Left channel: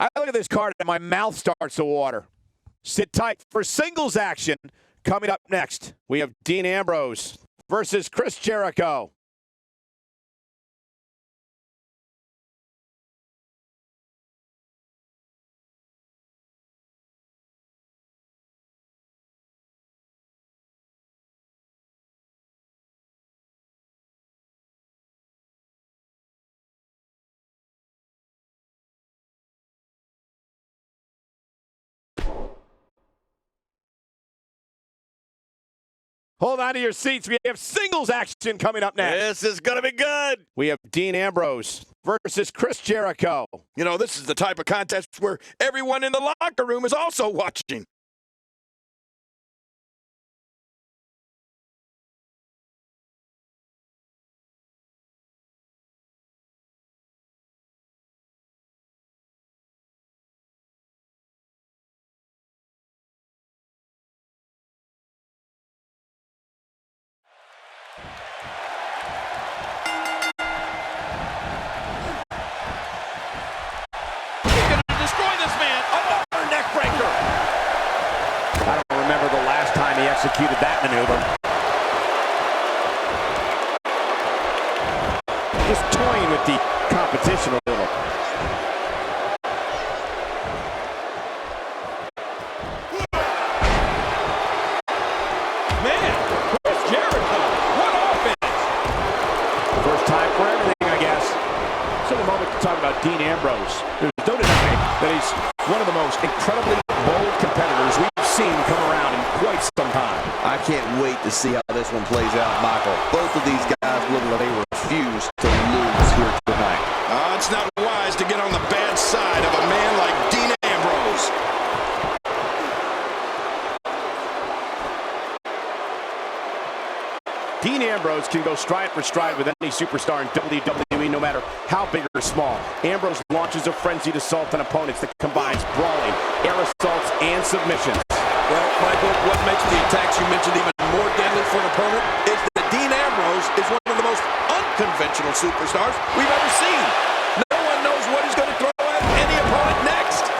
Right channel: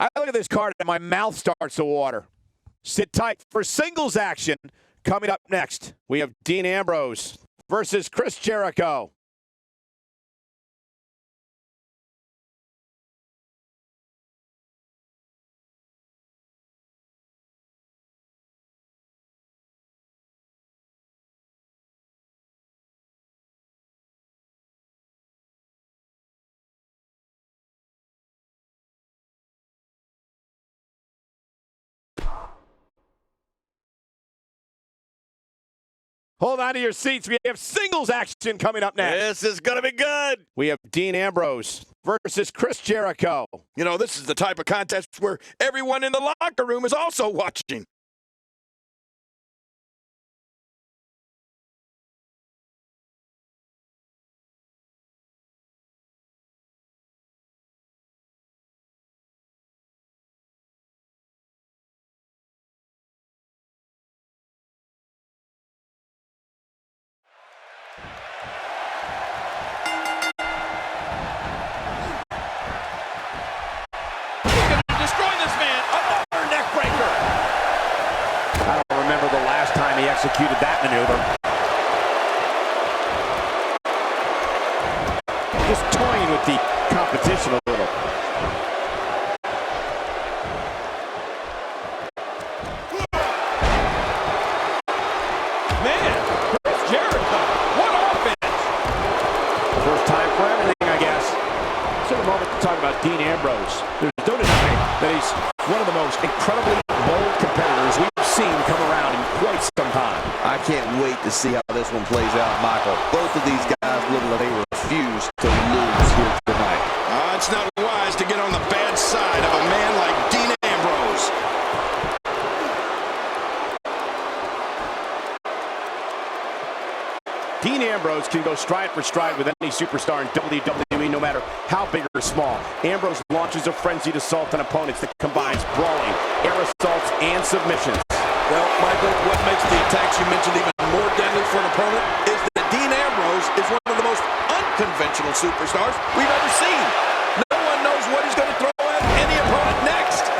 I look at this card and my mouth starts to water. Sit tight for singles action. Coming up next, we have Dean Ambrose versus Chris Jericho. Hold on to your seats. We have singles action coming up next. This is going to be good. We have Dean Ambrose versus Chris Jericho. You know, this is the type of contest where everyone in the locker room is also watching. Destroy this man. Another neck breaker. I don't remember the last time he executed that maneuver. Just toying with the competition a little. Man, Chris Jericho, what offense. First time for everything, I guess. Let's take a moment to talk about Dean Ambrose. There's no denying that he's one of the most incredibly bold competitors we've seen come around in quite some time. I can't wait to see how this one plays out, Michael. Both of these guys look like they refuse to lose here tonight. It's not wise to get on the bad side of a man like Dean Ambrose. Dean Ambrose can go stride for stride with any superstar in WWE, no matter how big or small. Ambrose launches a frenzied assault on opponents that combines brawling, air assaults, and submissions. Well, Michael, what makes the attacks you mentioned even more deadly for an opponent is that Dean Ambrose is one of the most unconventional superstars we've ever seen. No one knows what he's going to throw at any opponent next.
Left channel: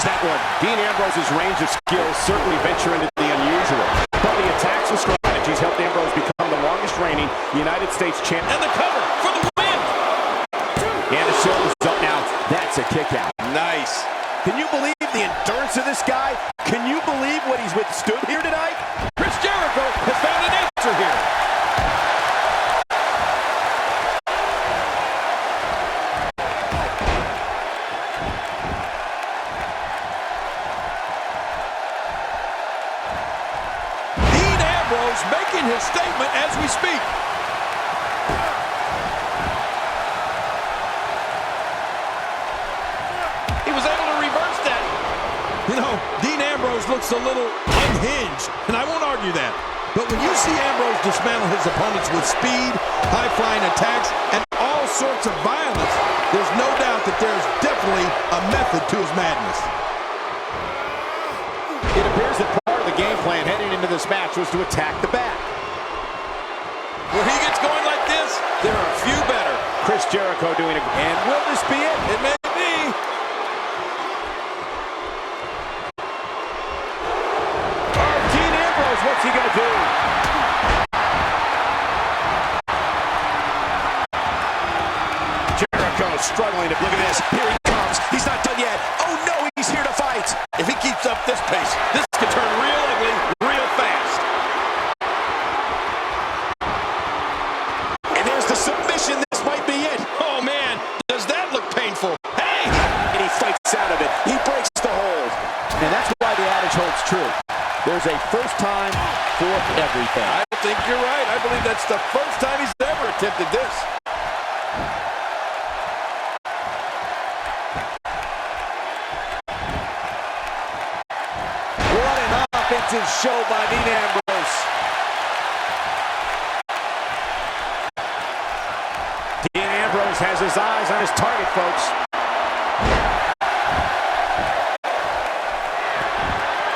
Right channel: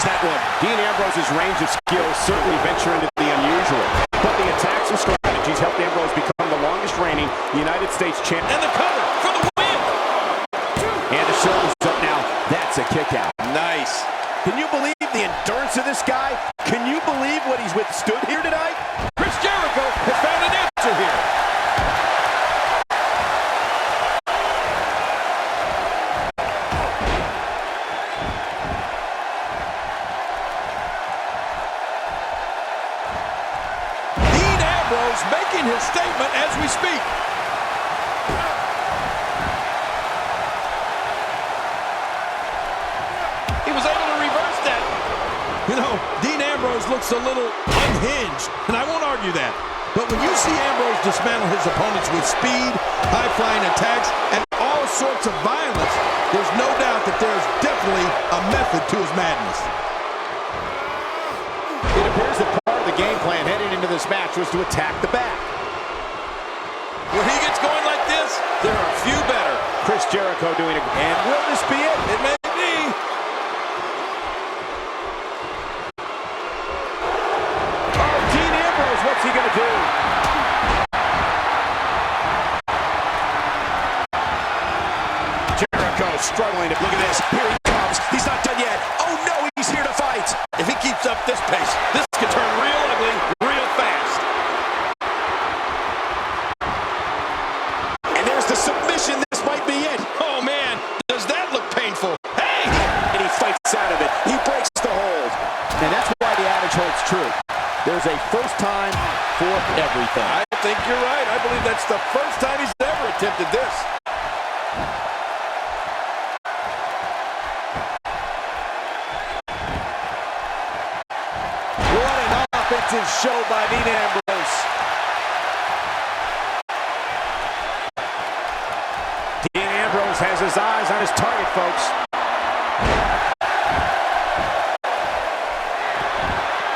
That one. Dean Ambrose's range of skills certainly venture into the unusual, but the attacks and strategies helped Ambrose become the longest reigning United States champ. And the cover for the win. And the shoulders up now. That's a kick out. Nice. Can you believe the endurance of this guy? Can you believe what he's withstood here tonight? Chris Jericho has found an answer here. Making his statement as we speak. He was able to reverse that. You know, Dean Ambrose looks a little unhinged, and I won't argue that. But when you see Ambrose dismantle his opponents with speed, high-flying attacks, and all sorts of violence, there's no doubt that there's definitely a method to his madness. It appears that part of the game plan heading into this match was to attack the back. When he gets going like this, there are a few better. Chris Jericho doing it. And will this be it? It may be. Oh, Dean Ambrose, what's he going to do? Jericho struggling to look at this. Here he comes. He's not done yet. Oh no, he's here to fight. If he keeps up this pace, this could turn real ugly real fast. And there's the submission. This might be it. Oh man, does that look painful? Hey! And he fights out of it. He breaks the hold. And that's why the adage holds true. There's a first time for everything. I think you're right. I believe that's the first time he's ever attempted this. What an offensive show by Dean Ambrose. has his eyes on his target, folks.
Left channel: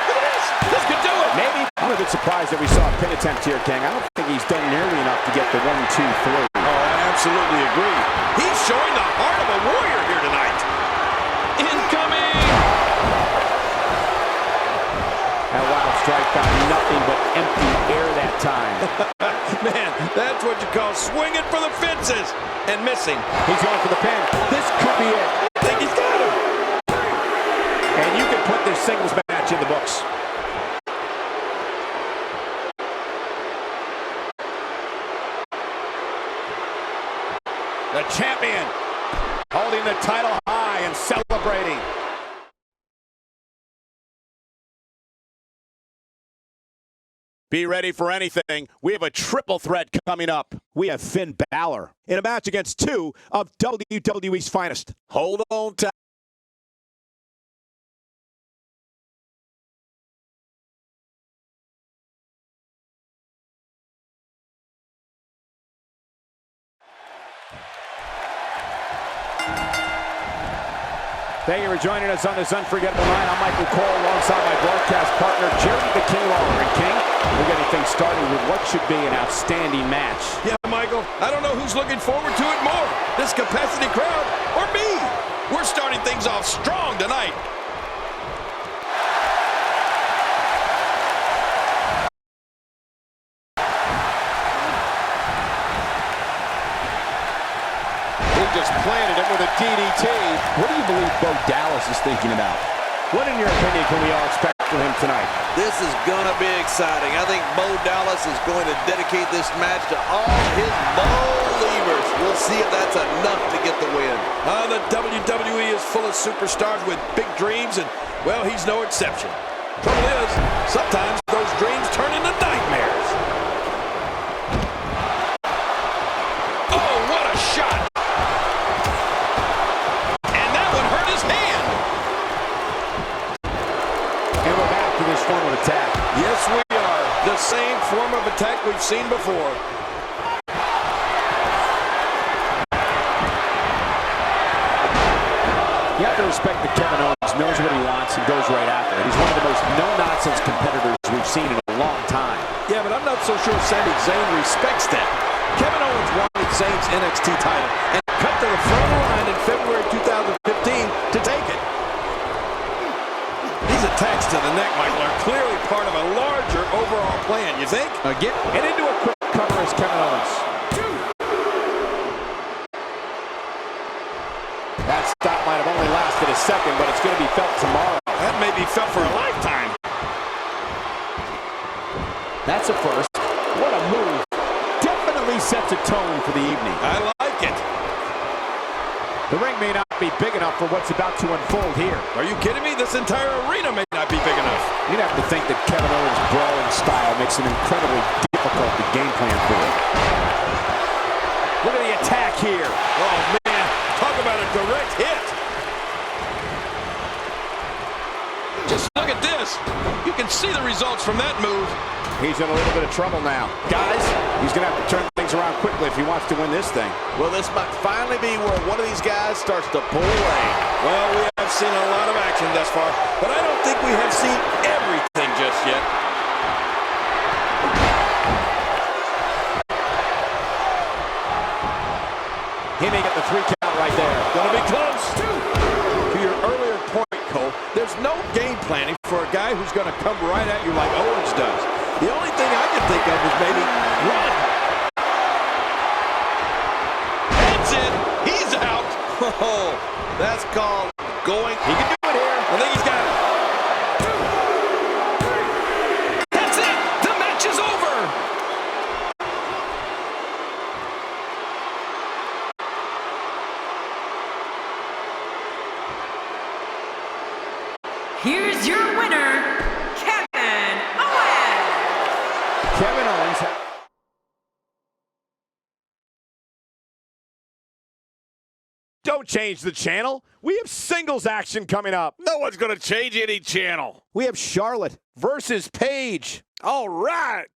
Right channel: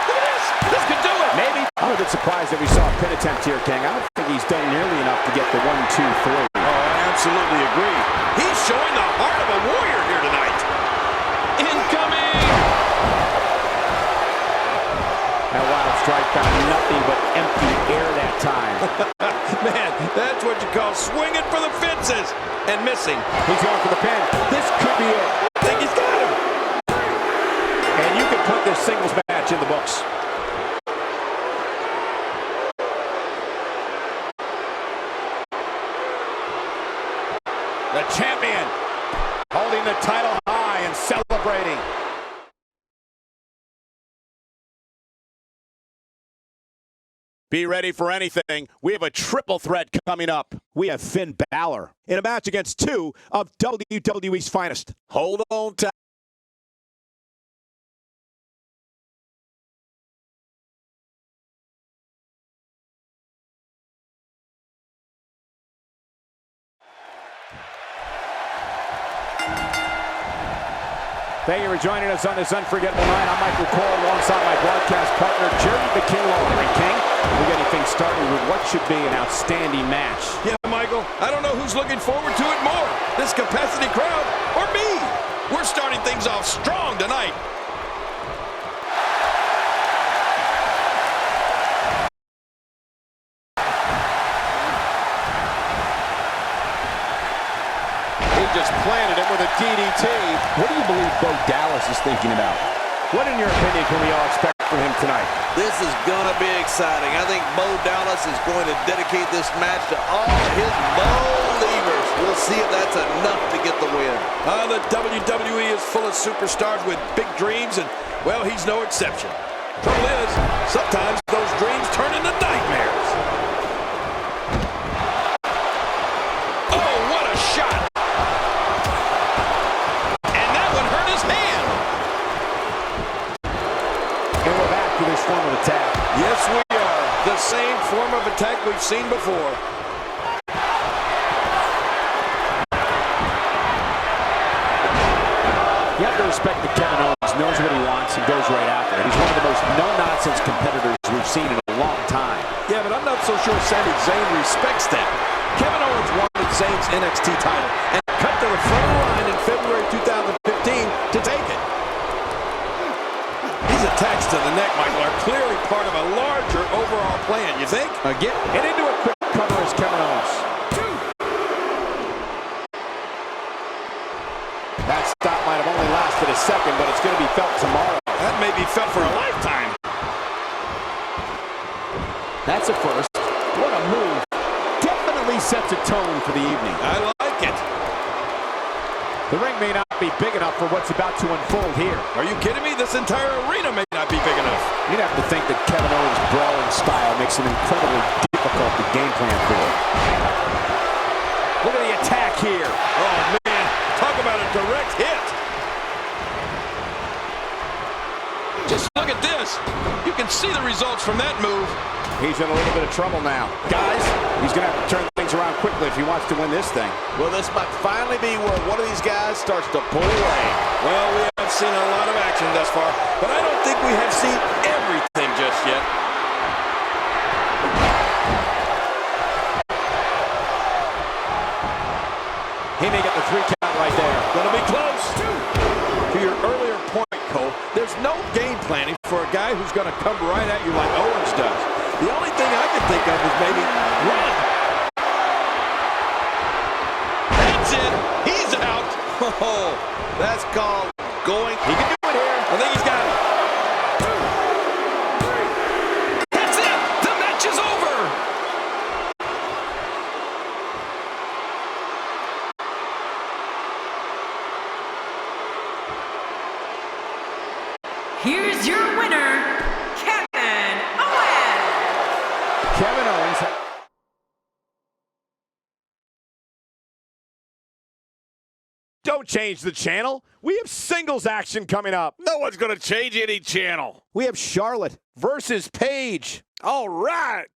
Look at this. This could do it. Maybe. I'm a bit surprised that we saw a pin attempt here, King. I don't think he's done nearly enough to get the 1, 2, 3. Oh, I absolutely agree. He's showing the heart of a warrior here tonight. Incoming! That wild strike found nothing but empty air that time. Man, that's what you call swinging for the fences and missing. He's going for the pin. This could be it. I think he's got him. And you can put this singles match in the books. The champion holding the title high and celebrating. Be ready for anything. We have a triple threat coming up. We have Finn Balor in a match against two of WWE's finest. Hold on tight. Thank you for joining us on this unforgettable night. I'm Michael Cole alongside my broadcast partner, Jerry the King Lawler. And King, we're getting things started with what should be an outstanding match. Yeah, Michael, I don't know who's looking forward to it more, this capacity crowd or me. We're starting things off strong tonight. Just planted him with a DDT. What do you believe Bo Dallas is thinking about? What, in your opinion, can we all expect from him tonight? This is going to be exciting. I think Bo Dallas is going to dedicate this match to all his believers. We'll see if that's enough to get the win. The WWE is full of superstars with big dreams, and, well, he's no exception. Trouble is, sometimes those dreams turn into nightmares. Oh, what a shot! This form of attack. Yes, we are. The same form of attack we've seen before. You have to respect that Kevin Owens knows what he wants and goes right after it. He's one of the most no-nonsense competitors we've seen in a long time. Yeah, but I'm not so sure Sami Zayn respects that. Kevin Owens wanted Zayn's NXT title and cut to the front of the line in February 2015 to take it. These attacks to the neck, Michael, are clearly part of a larger overall plan, you think? Again, and into a quick cover is Kevin Owens. That stop might have only lasted a second, but it's going to be felt tomorrow. That may be felt for a lifetime. That's a first. What a move. Definitely sets a tone for the evening. I like it. The ring may not be big enough for what's about to unfold here. Are you kidding me? This entire arena may not be big enough. You'd have to think that Kevin Owens' brawling style makes him incredibly difficult to game plan for. Look at the attack here. Oh, man. Talk about a direct hit. Just look at this. You can see the results from that move. He's in a little bit of trouble now. Guys, he's going to have to turn things around quickly if he wants to win this thing. Well, this might finally be where one of these guys starts to pull away. Well, we have seen a lot of action thus far, but I don't think we have seen everything just yet. He may get the 3 count right there. Gonna be close. To your earlier point, Cole, there's no game planning for a guy who's gonna come right at you like Owens does. The only thing I can think of is maybe run. That's it. He's out. Oh, that's called going. He can do it here. I think he's got it. 2, 3. That's it. The match is over. Here's your winner, Kevin Owens. Kevin Owens. Don't change the channel. We have singles action coming up. No one's going to change any channel. We have Charlotte versus Paige. All right.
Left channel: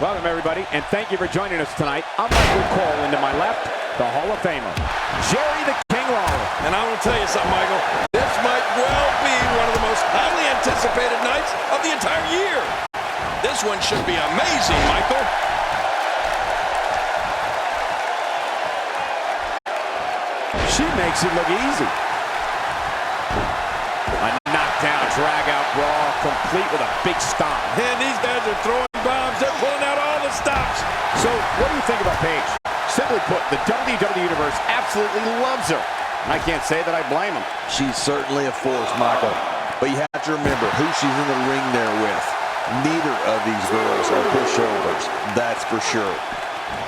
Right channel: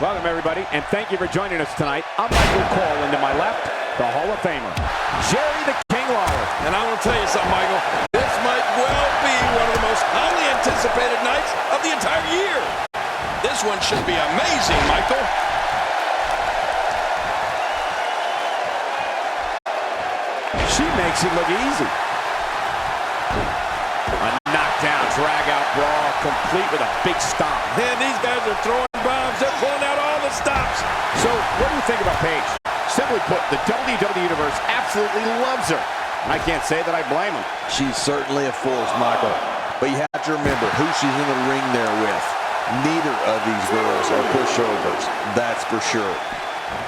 Welcome, everybody, and thank you for joining us tonight. I'm Michael Cole, and to my left, the Hall of Famer, Jerry the King Lawler. And I want to tell you something, Michael. This might well be one of the most highly anticipated nights of the entire year. This one should be amazing, Michael. She makes it look easy. A knockdown, drag-out brawl, complete with a big stomp. And these guys are throwing bombs. They're pulling out all the stops. So, what do you think about Paige? Simply put, the WWE Universe absolutely loves her. I can't say that I blame them. She's certainly a force, Michael. But you have to remember who she's in the ring there with. Neither of these girls are pushovers, that's for sure.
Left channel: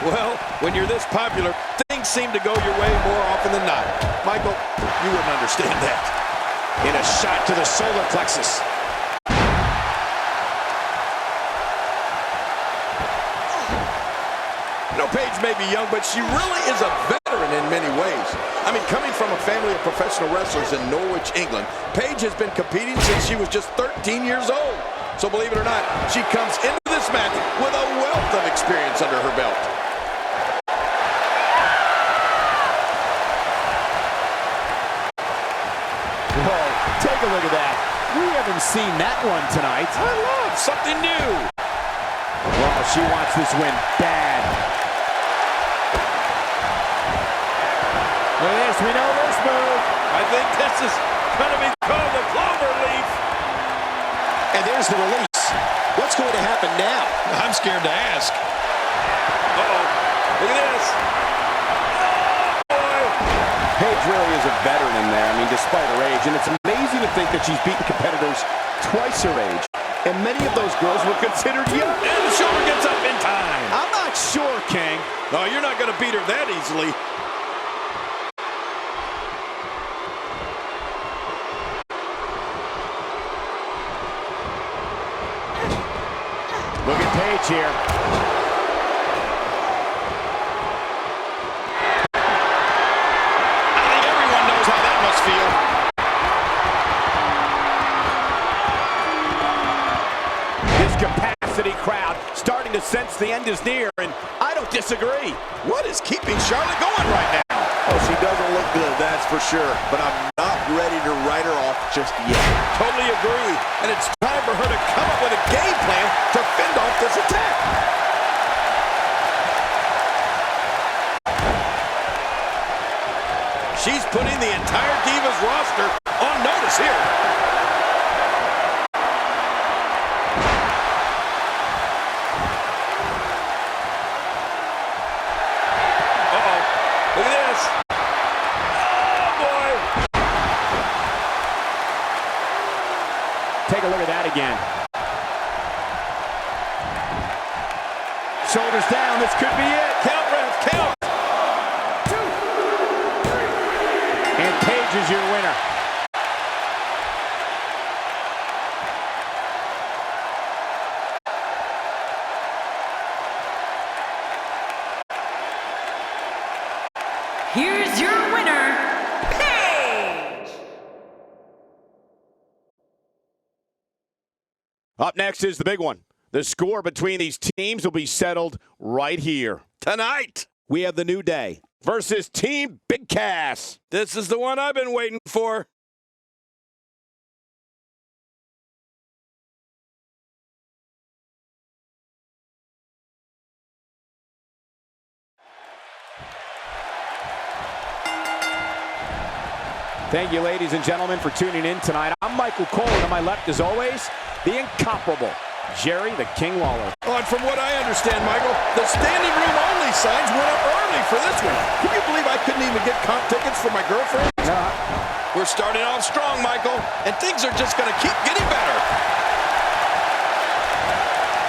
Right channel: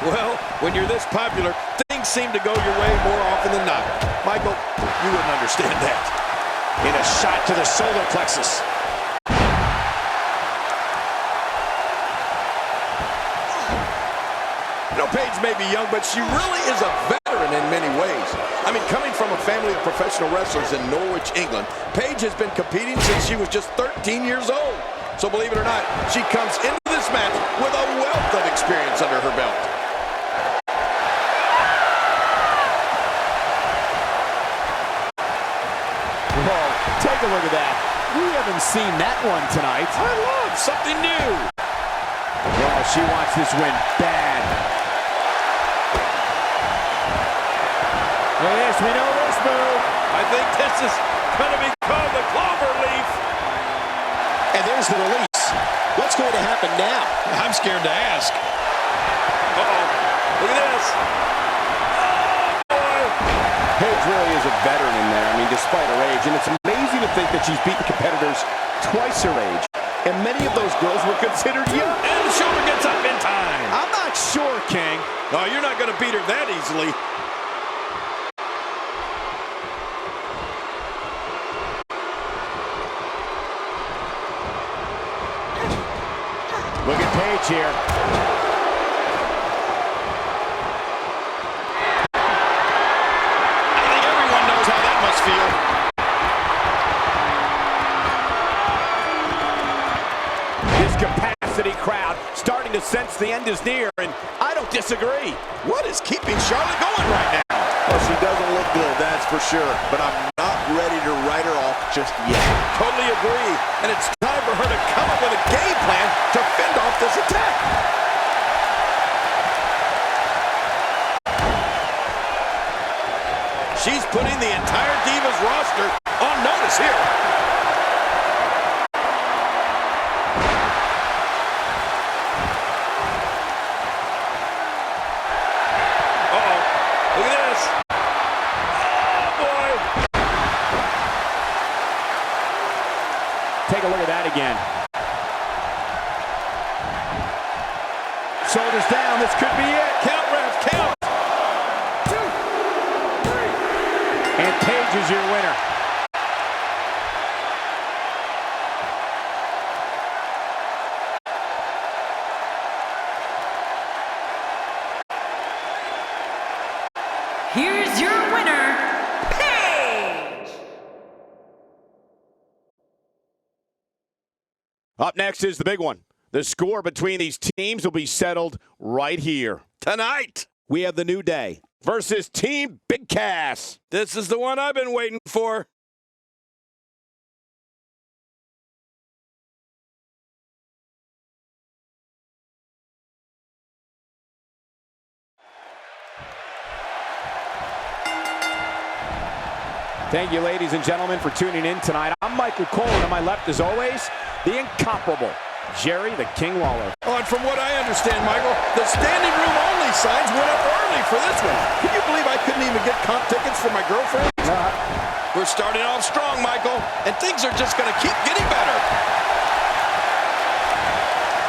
Well, when you're this popular, things seem to go your way more often than not. Michael, you wouldn't understand that. In a shot to the solar plexus. You know, Paige may be young, but she really is a veteran in many ways. I mean, coming from a family of professional wrestlers in Norwich, England, Paige has been competing since she was just 13 years old. So believe it or not, she comes into this match with a wealth of experience under her belt. Whoa, take a look at that. We haven't seen that one tonight. I love something new. Well, she wants this win bad. Look at this, we know this move. I think this is going to be called the clover leaf. And there's the release. What's going to happen now? I'm scared to ask. Uh-oh. Look at this. Oh, boy. Paige really is a veteran in there, I mean, despite her age. And it's amazing to think that she's beaten competitors twice her age. And many of those girls were considered young. And the shoulder gets up in time. I'm not sure, King. No, you're not going to beat her that easily. Look at Paige here. I think everyone knows how that must feel. This capacity crowd starting to sense the end is near, and I don't disagree. What is keeping Charlotte going right now? Well, she doesn't look good, that's for sure. But I'm not ready to write her off just yet. Totally agree. And it's time for her to come up with a game plan to fend off this attack. She's putting the entire Divas roster on notice here. Uh-oh. Look at this. Oh, boy. Take a look at that again. Shoulders down, this could be it. Count, ref, count. 2, 3. And Paige is your winner. Here's your winner, Paige! Up next is the big one. The score between these teams will be settled right here. Tonight, We have the New Day versus Team Big Cass. this is the one I've been waiting for. Thank you, ladies and gentlemen, for tuning in tonight. I'm Michael Cole, and on my left, as always, the incomparable Jerry the King Lawler. Oh, and from what I understand, Michael, the standing room only signs went up early for this one. Can you believe I couldn't even get comp tickets for my girlfriend? We're starting off strong, Michael, and things are just going to keep getting better.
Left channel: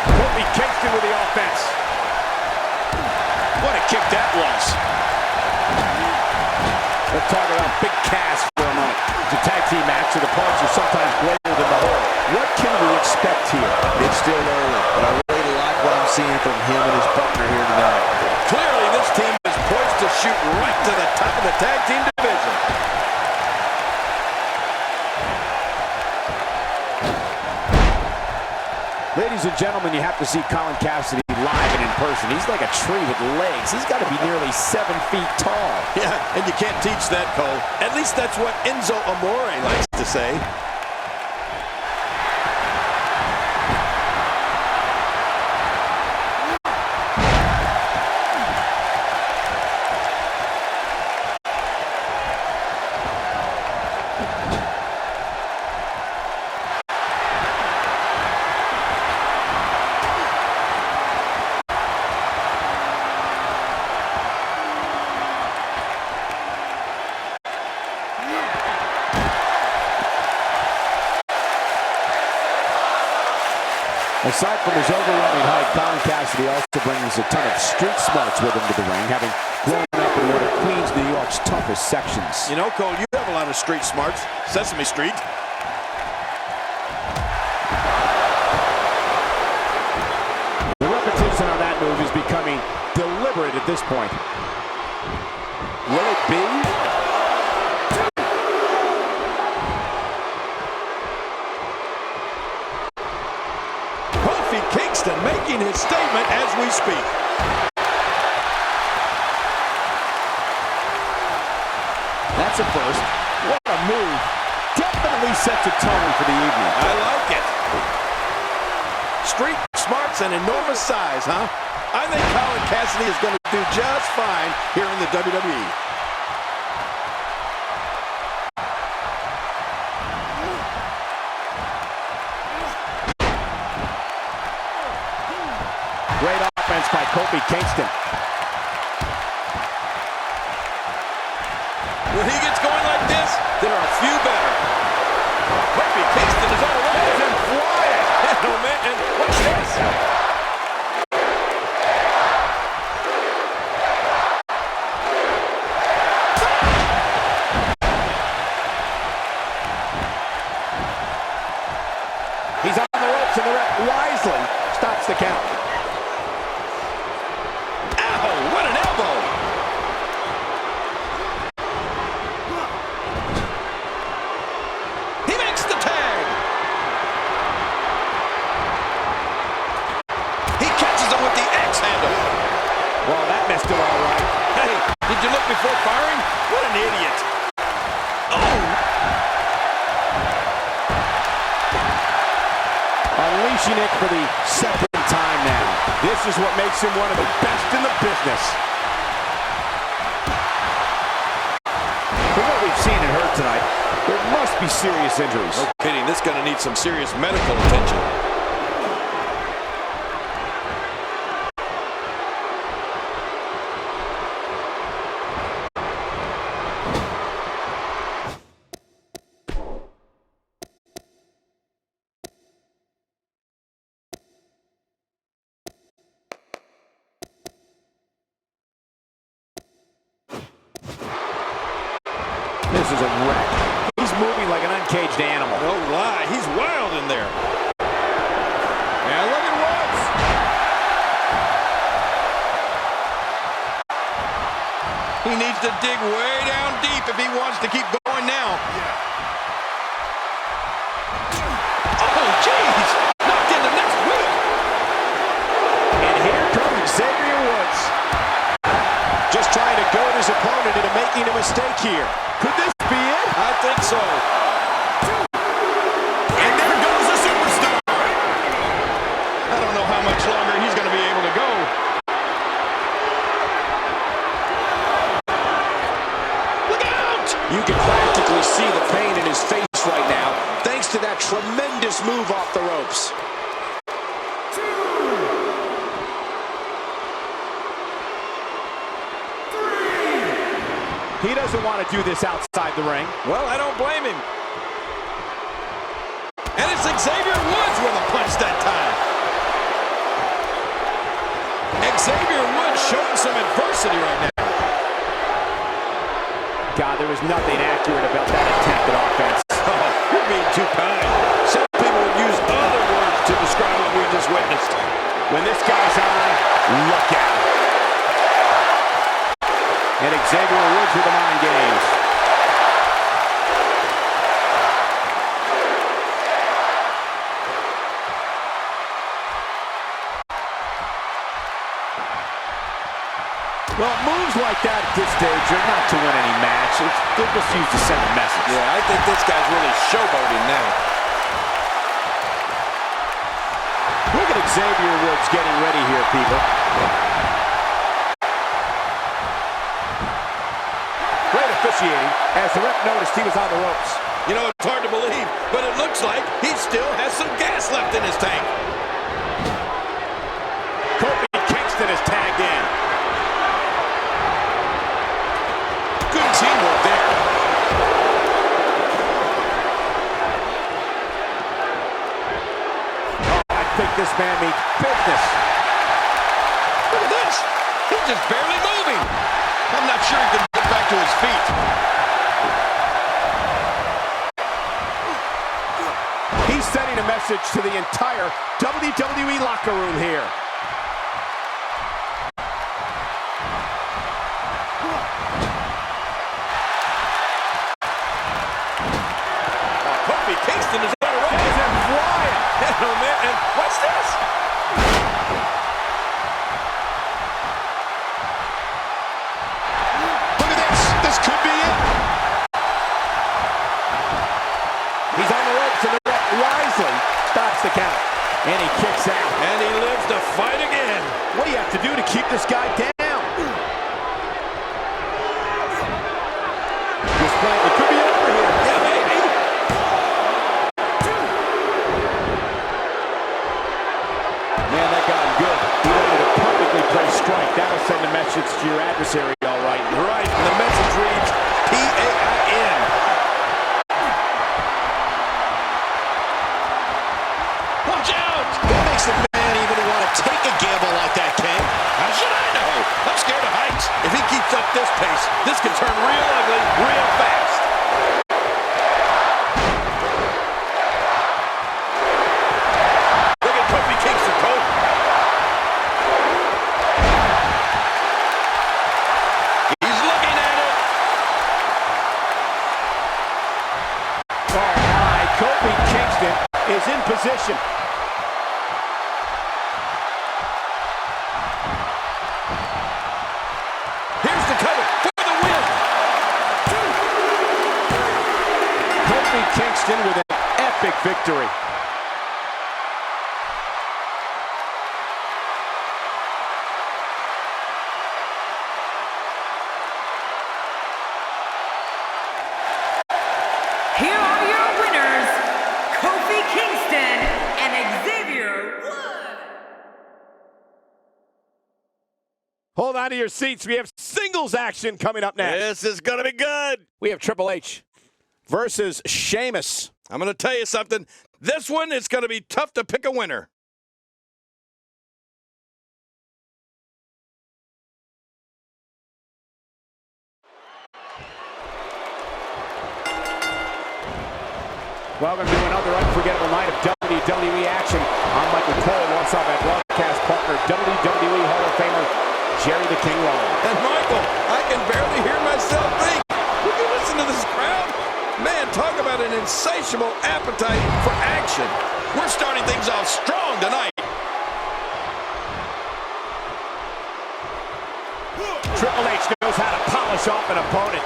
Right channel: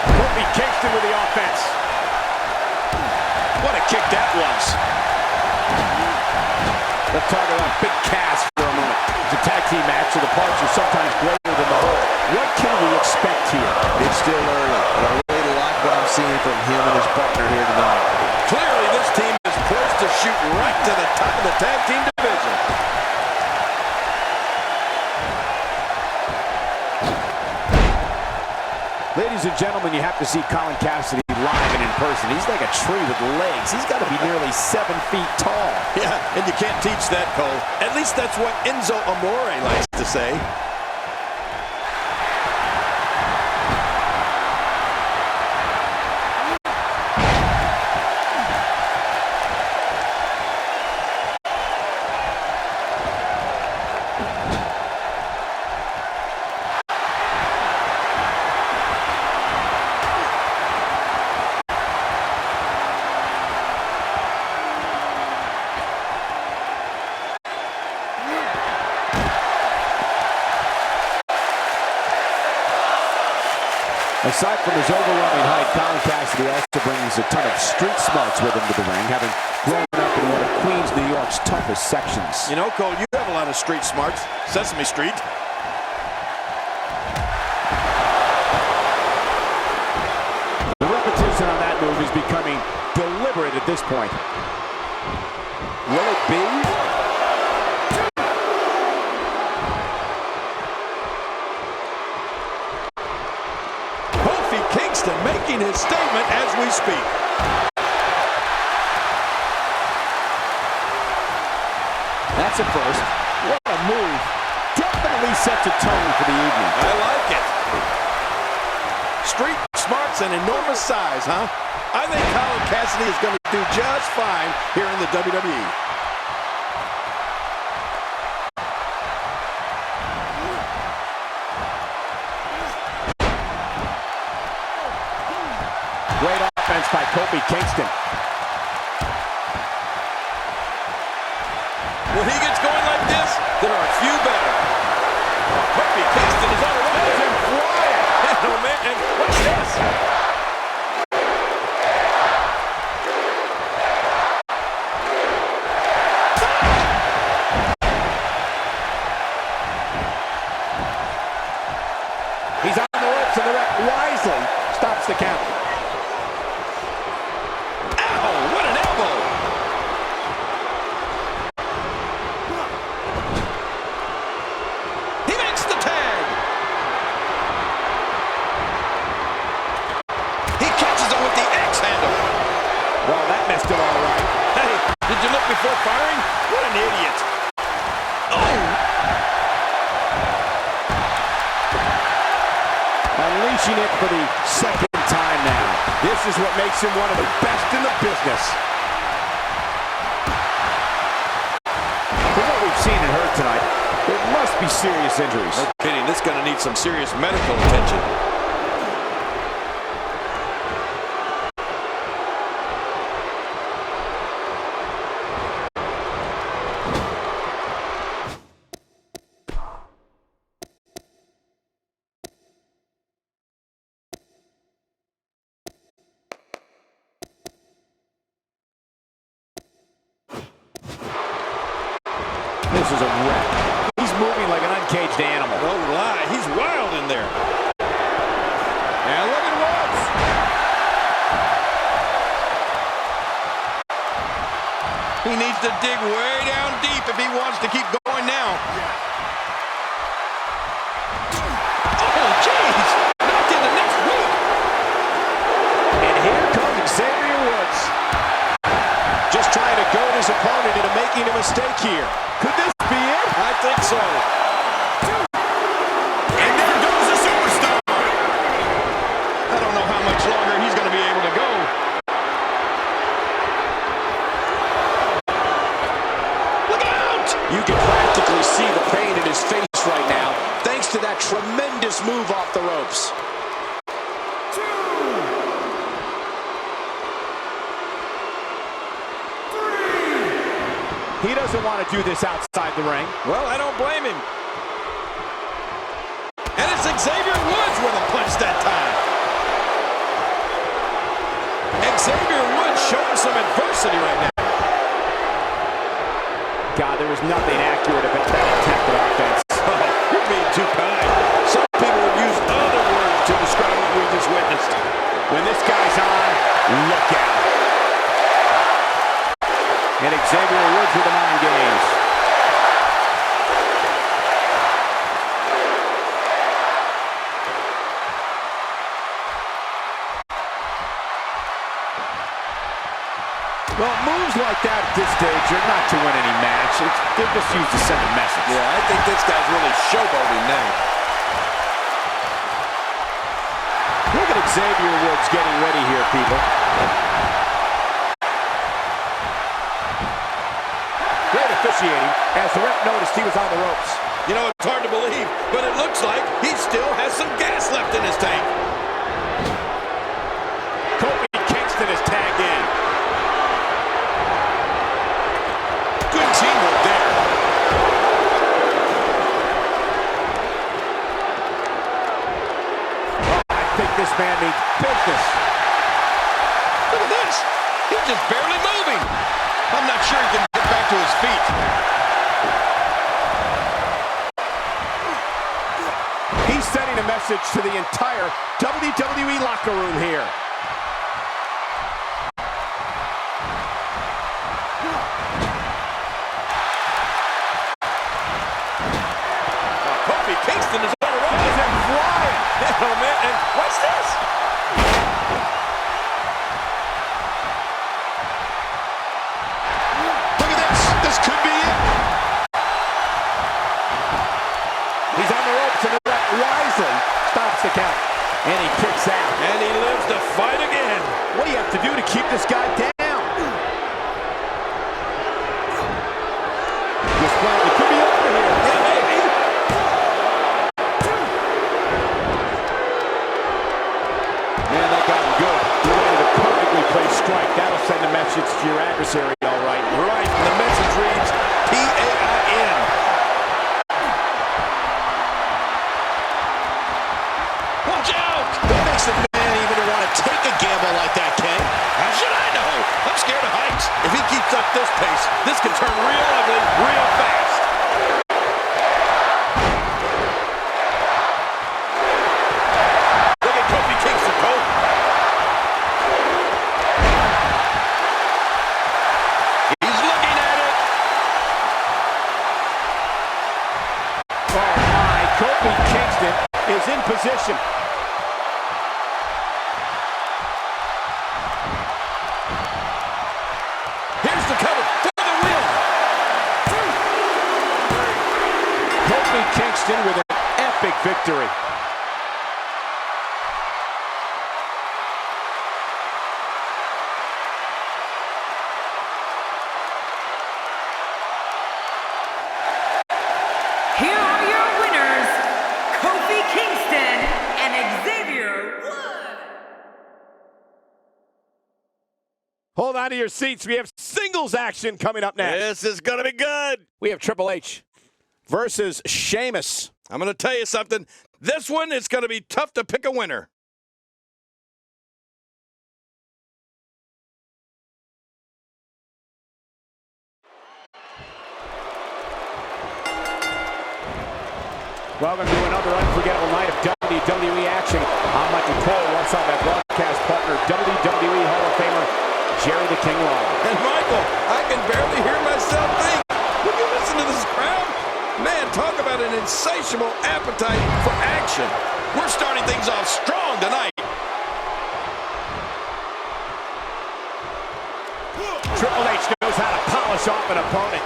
Kofi Kingston with the offense. What a kick that was. Let's talk about Big Cass for a moment. It's a tag team match, so the parts are sometimes greater than the whole. What can we expect here? It's still early, but I really like what I'm seeing from him and his partner here tonight. Clearly, this team is poised to shoot right to the top of the tag team division. Ladies and gentlemen, you have to see Colin Cassidy live and in person. He's like a tree with legs. He's got to be nearly 7 feet tall. Yeah, and you can't teach that, Cole. At least that's what Enzo Amore likes to say. Aside from his overwhelming height, Colin Cassidy also brings a ton of street smarts with him to the ring, having grown up in one of Queens, New York's toughest sections. You know, Cole, you have a lot of street smarts. Sesame Street. The repetition on that move is becoming deliberate at this point. Will it be? Kingston making his statement as we speak. That's a first. What a move. Definitely sets a tone for the evening. I like it. Street smarts and enormous size, huh? I think Colin Cassidy is going to do just fine here in the WWE. Great offense by Kofi Kingston. When he gets going like this, there are few better. Kofi Kingston is on a roll. Let him fly it. Oh, man, and what's this? He's on the ropes, and the ref wisely stops the count. Ow, what an elbow! He makes the tag! He catches him with the X handle. Well, that missed him all right. Hey, did you look before firing? What an idiot. Oh! Unleashing it for the second time now. This is what makes him one of the best in the business. From what we've seen and heard tonight, there must be serious injuries. No kidding, this is going to need some serious medical attention. This is a wreck. He's moving like an uncaged animal. No lie, he's wild in there. And look at Woods. He needs to dig way down deep if he wants to keep going now. Oh, jeez! Knocked into next week. And here comes Xavier Woods. Just trying to goad his opponent into making a mistake here. Could this be it? I think so. And there goes the superstar. I don't know how much longer he's going to be able to go. Look out! You can practically see the pain in his face right now, thanks to that tremendous move off the ropes. He doesn't want to do this outside the ring. Well, I don't blame him. And it's Xavier Woods with a punch that time. Xavier Woods showing some adversity right now. God, there was nothing accurate about that attempted offense. Oh, you're being too kind. Some people would use other words to describe what we just witnessed. When this guy's on, look out. And Xavier Woods with the mind games. Well, moves like that at this stage are not to win any match. They're just used to send a message. Yeah, I think this guy's really showboating now. Look at Xavier Woods getting ready here, people. Great officiating as the ref noticed he was on the ropes. You know, it's hard to believe, but it looks like he still has some gas left in his tank. Kofi Kingston is tagged in. Good teamwork there. Oh, I think this man means business. Look at this. He's just barely moving. I'm not sure he can get back to his feet. He's sending a message to the entire WWE locker room here. Kofi Kingston is on a roll. He's flying. Oh, man. And what's this? Look at this. This could be it. He's on the ropes, and the ref wisely stops the count. And he kicks out. And he lives to fight again. What do you have to do to keep this guy down? It could be over here. Yeah, maybe. Man, that got him good. He landed a perfectly placed strike. That'll send a message to your adversary, all right. Right. And the message reads P-A-I-N. Watch out! What makes the man even want to take a gamble like that, King? How should I know? I'm scared of heights. If he keeps up this pace, this can turn real ugly real fast. Look at Kofi Kingston, Cole. He's looking at it. Oh, my. Kofi Kingston is in position. Here's the cover for the win. Kofi Kingston with an epic victory. Here are your winners, Kofi Kingston and Xavier Woods. Hold on to your seats. We have singles action coming up next. This is going to be good. We have Triple H versus Sheamus. I'm going to tell you something. This one is going to be tough to pick a winner. Welcome to another unforgettable night of WWE action. I'm Michael Cole, alongside my broadcast partner, WWE Hall of Famer, Jerry the King Lawler. And Michael, I can barely hear myself think. Would you listen to this crowd? Man, talk about an insatiable appetite for action. We're starting things off strong tonight. Triple H knows how to polish off an opponent.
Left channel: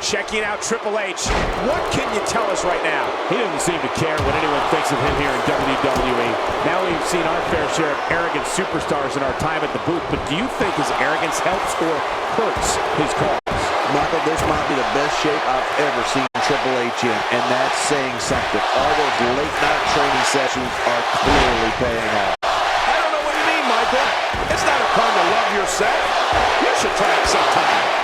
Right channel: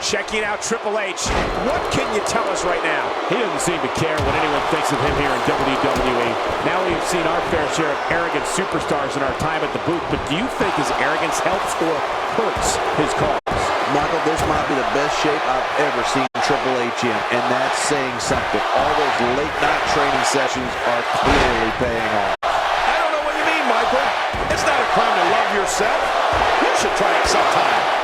Checking out Triple H. What can you tell us right now? He doesn't seem to care what anyone thinks of him here in WWE. Now we've seen our fair share of arrogant superstars in our time at the booth, but do you think his arrogance helps or hurts his cause? Michael, this might be the best shape I've ever seen Triple H in, and that's saying something. All those late-night training sessions are clearly paying off. I don't know what you mean, Michael. It's not a crime to love yourself. You should try it sometime.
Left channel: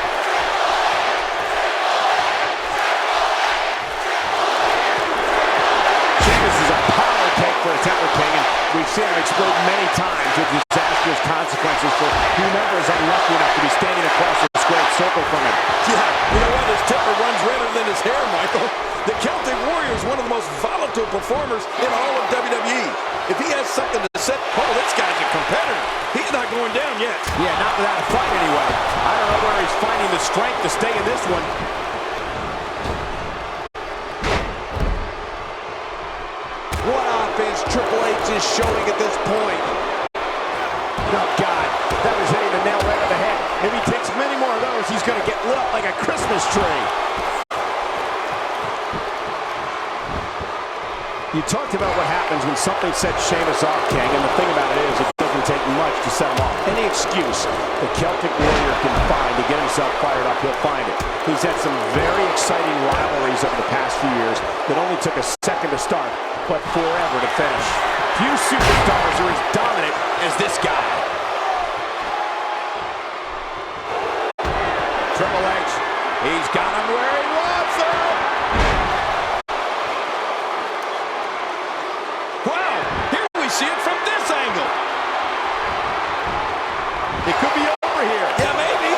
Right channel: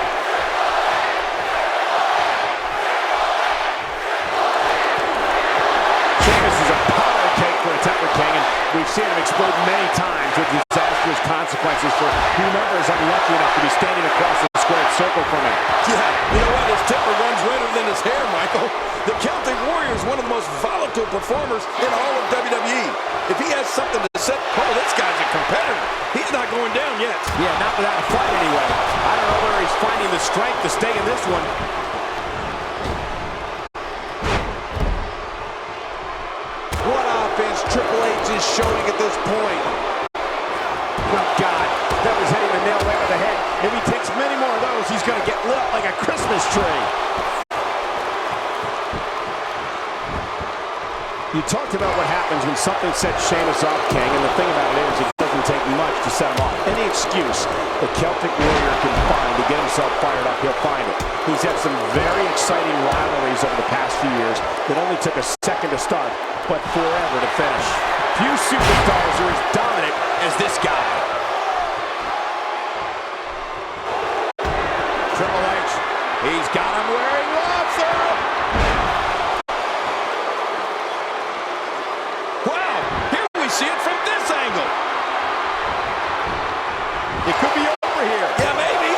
Sheamus is a powder cake for a Temper King, and we've seen him explode many times with disastrous consequences for whomever is unlucky enough to be standing across the squared circle from him. Yeah, you know what? His temper runs redder than his hair, Michael. The Celtic Warrior is one of the most volatile performers in all of WWE. If he has something to say, oh, this guy's a competitor. He's not going down yet. Yeah, not without a fight anyway. I don't know where he's finding the strength to stay in this one. What offense Triple H is showing at this point. Oh, God, that was hitting the nail right on the head. If he takes many more of those, he's going to get lit up like a Christmas tree. You talked about what happens when something sets Sheamus off, King, and the thing about it is it doesn't take much to set him off. Any excuse the Celtic Warrior can find to get himself fired up, he'll find it. He's had some very exciting rivalries over the past few years that only took a second to start, but forever to finish. Few superstars are as dominant as this guy. Triple H, he's got him where he wants him. Wow, here we see it from this angle. It could be over here. Yeah, maybe.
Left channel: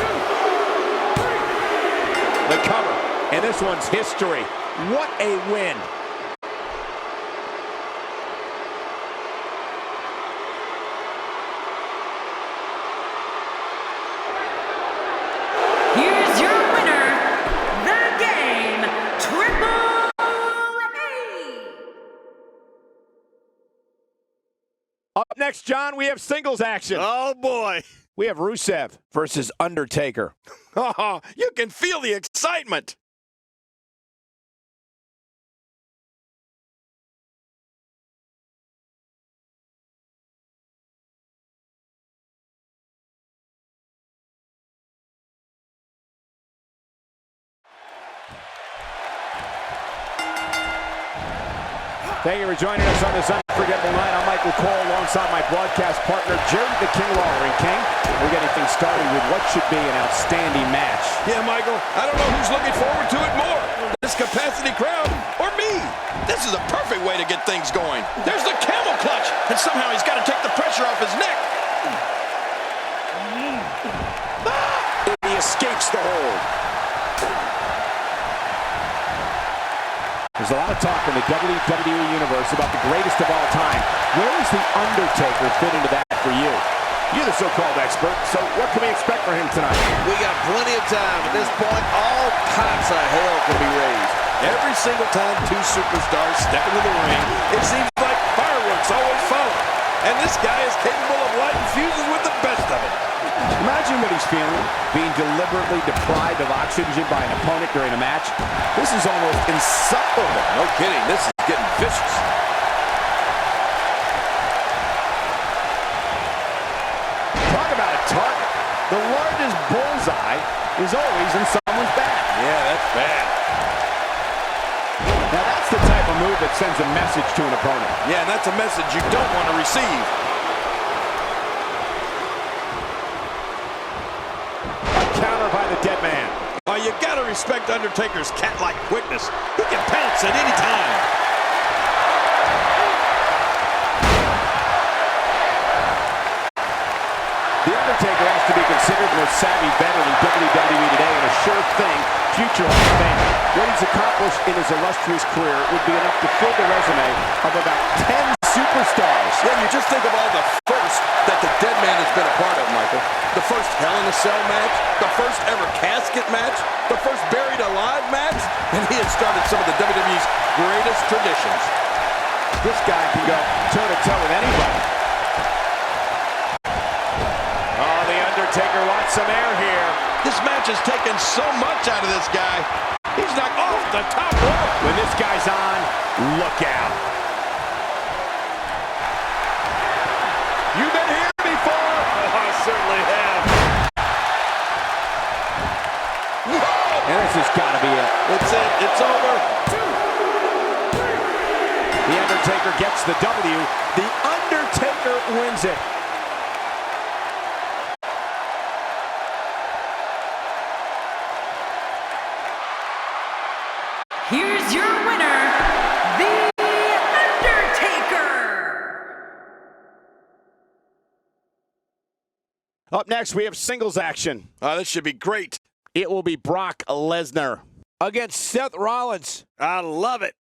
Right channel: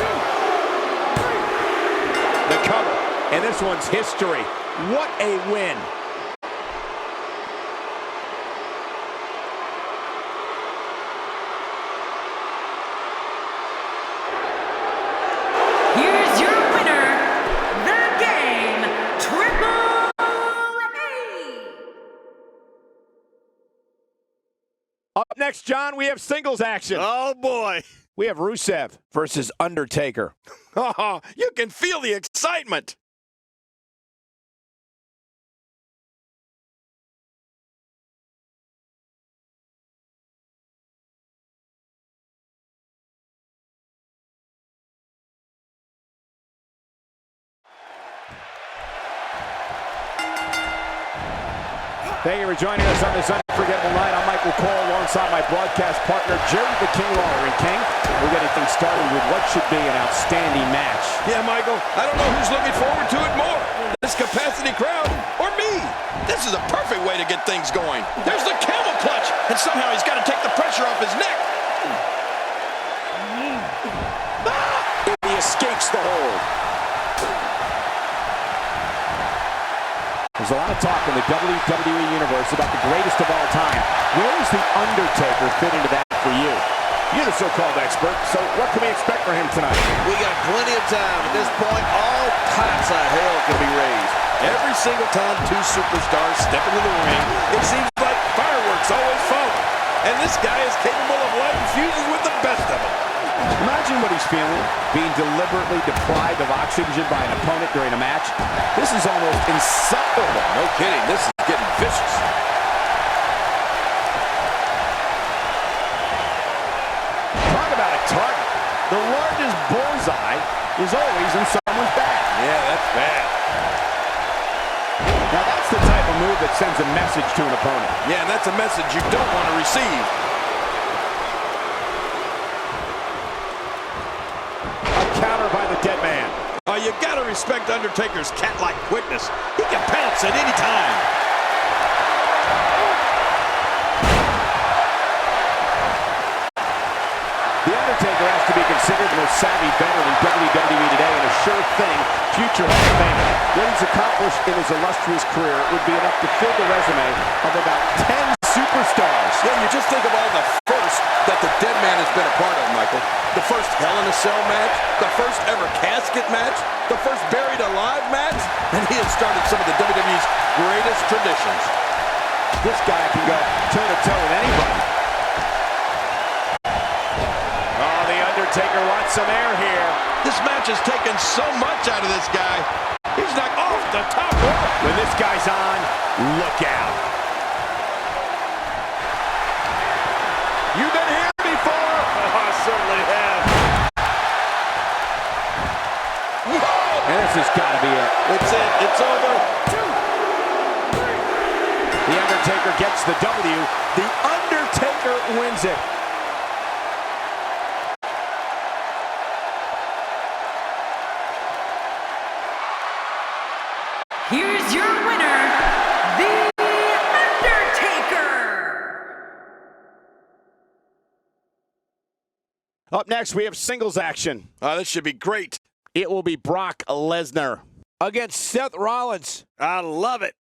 2, 3. The cover, and this one's history. What a win. Here's your winner, The Game, Triple H. Up next, John, we have singles action. Oh, boy. We have Rusev versus Undertaker. Oh, you can feel the excitement. Thank you for joining us on this unforgettable night. I'm Michael Cole alongside my broadcast partner, Jerry the King Lawler. And King, we're getting things started with what should be an outstanding match. Yeah, Michael, I don't know who's looking forward to it more, this capacity crowd or me. This is a perfect way to get things going. There's the camel clutch, and somehow he's got to take the pressure off his neck. He escapes the hold. There's a lot of talk in the WWE Universe about the greatest of all time. Where does The Undertaker fit into that for you? You're the so-called expert, so what can we expect from him tonight? We got plenty of time. At this point, all types of hell can be raised. Every single time two superstars step into the ring, it seems like fireworks always follow. And this guy is capable of lighting fuses with the best of them. Imagine what he's feeling, being deliberately deprived of oxygen by an opponent during a match. This is almost insufferable. No kidding, this is getting vicious. Talk about a target. The largest bullseye is always in someone's back. Yeah, that's bad. Now that's the type of move that sends a message to an opponent. Yeah, and that's a message you don't want to receive. Counter by the dead man. Oh, you gotta respect Undertaker's cat-like quickness. He can pounce at any time. The Undertaker has to be considered the most savvy veteran in WWE today and a sure thing future Hall of Famer. What he's accomplished in his illustrious career would be enough to fill the resume of about 10 superstars. Yeah, you just think of all the firsts that the dead man has been a part of, Michael. The first Hell in a Cell match, the first ever casket match, the first buried alive match, and he has started some of the WWE's greatest traditions. This guy can go toe-to-toe with anybody. Oh, The Undertaker wants some air here. This match has taken so much out of this guy. He's knocked off the top rope. When this guy's on, look out. You've been here before. I certainly have. Whoa! And this has got to be it. It's it. It's over. 2, 3. The Undertaker gets the W. The Undertaker wins it. Here's your winner, The Undertaker. Up next, we have singles action. This should be great. It will be Brock Lesnar against Seth Rollins. I love it.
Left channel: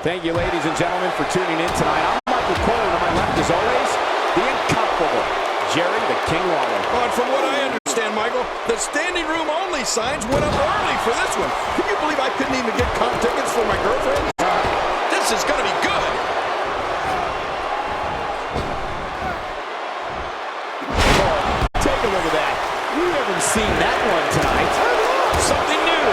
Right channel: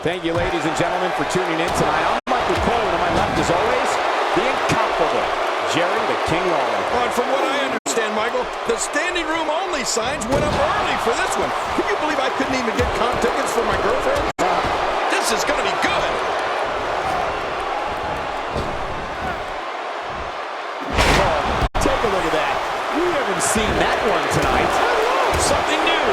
Thank you, ladies and gentlemen, for tuning in tonight. I'm Michael Cole, and on my left, as always, the incomparable Jerry the King Lawler. Oh, and from what I understand, Michael, the standing room only signs went up early for this one. Can you believe I couldn't even get comp tickets for my girlfriend? This is going to be good. Oh, take a look at that. We haven't seen that one tonight. I love something new.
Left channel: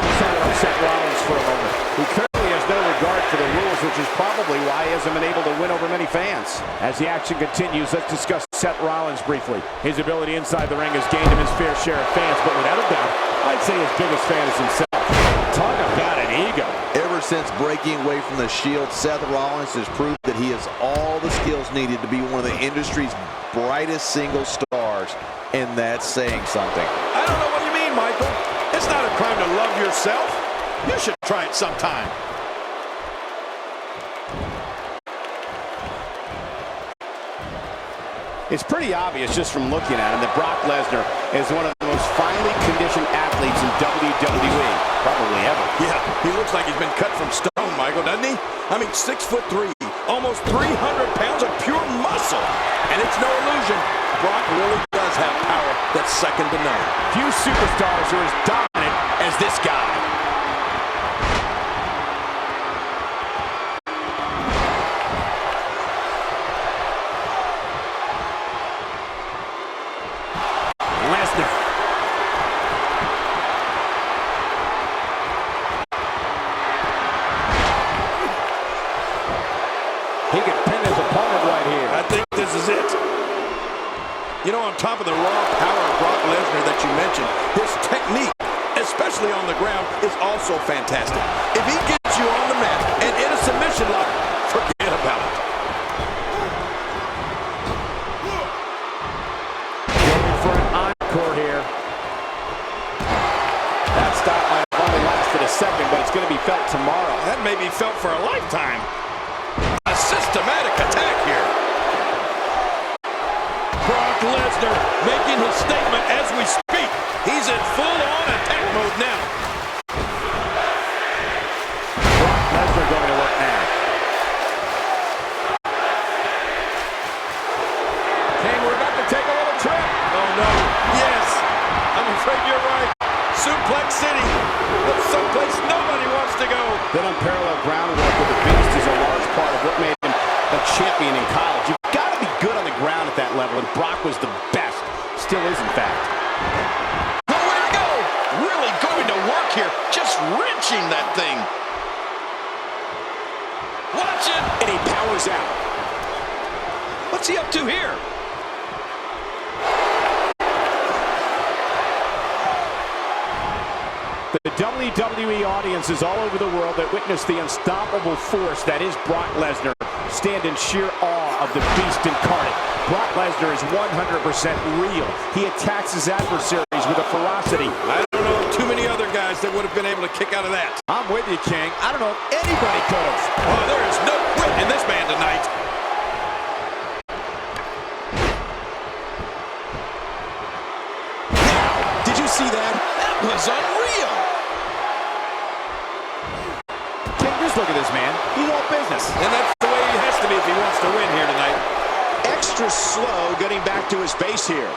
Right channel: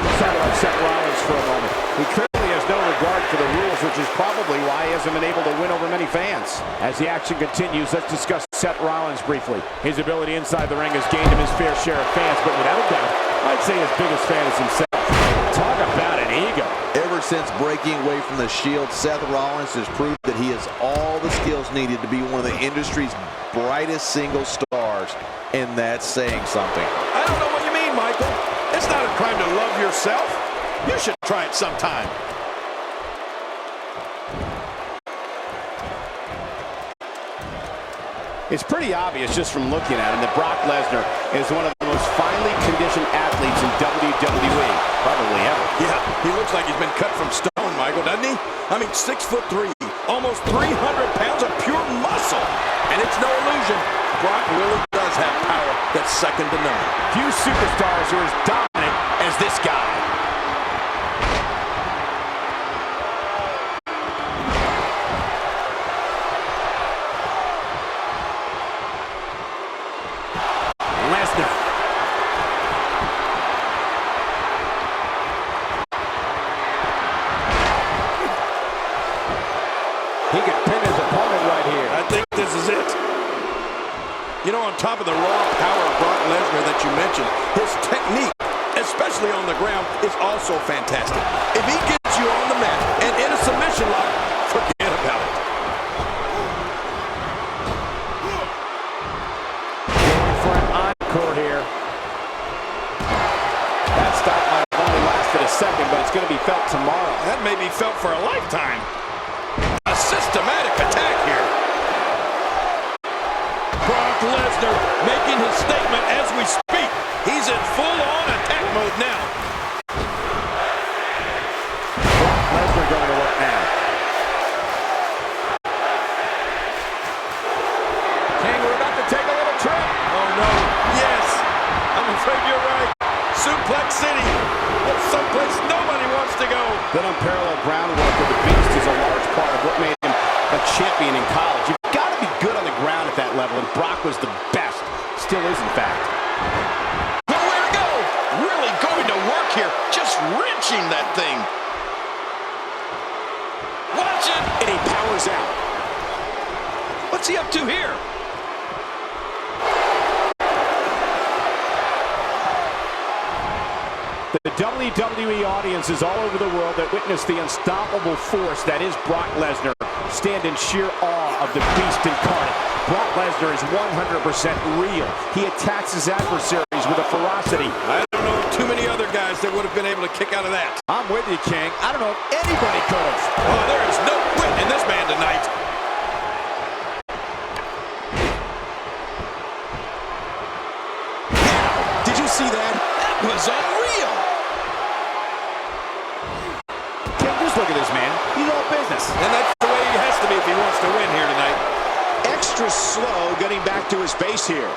Let's talk about Seth Rollins for a moment. He clearly has no regard for the rules, which is probably why he hasn't been able to win over many fans. As the action continues, let's discuss Seth Rollins briefly. His ability inside the ring has gained him his fair share of fans, but without a doubt, I'd say his biggest fan is himself. Talk about an ego. Ever since breaking away from the Shield, Seth Rollins has proved that he has all the skills needed to be one of the industry's brightest single stars, and that's saying something. I don't know what you mean, Michael. It's not a crime to love yourself. You should try it sometime. It's pretty obvious just from looking at him that Brock Lesnar is one of the most finely conditioned athletes in WWE, probably ever. Yeah, he looks like he's been cut from stone, Michael, doesn't he? I mean, 6'3", almost 300 pounds of pure muscle. And it's no illusion, Brock really does have power that's second to none. Few superstars are as dominant as this guy. Lesnar. He could pin his opponent right here. I think this is it. You know, on top of the raw power of Brock Lesnar that you mentioned, his technique, especially on the ground, is also fantastic. If he gets you on the mat and in a submission lock, forget about it. Going for an encore here. That stop might have only lasted a second, but it's going to be felt tomorrow. That may be felt for a lifetime. A systematic attack here. Brock Lesnar making his statement as we speak. He's in full-on attack mode now. Brock Lesnar going to work now. King, we're about to take a little trip. Oh, no. Yes. I'm afraid you're right. Suplex City. That's someplace nobody wants to go. That unparalleled groundwork of the Beast is a large part of what made him a champion in college. You've got to be good on the ground at that level, and Brock was the best. Still is, in fact. Nowhere to go. Really going to work here. Just wrenching that thing. Watch it. And he powers out. What's he up to here? The WWE audiences all over the world that witness the unstoppable force that is Brock Lesnar stand in sheer awe of the Beast incarnate. Brock Lesnar is 100% real. He attacks his adversaries with a ferocity. I don't know too many other guys that would have been able to kick out of that. I'm with you, King. I don't know if anybody could have. Oh, there is no quit in this man tonight. Now, did you see that? That was unreal. King, just look at this man. He's all business. And that's the way he has to be if he wants to win here tonight. Extra slow getting back to his base here.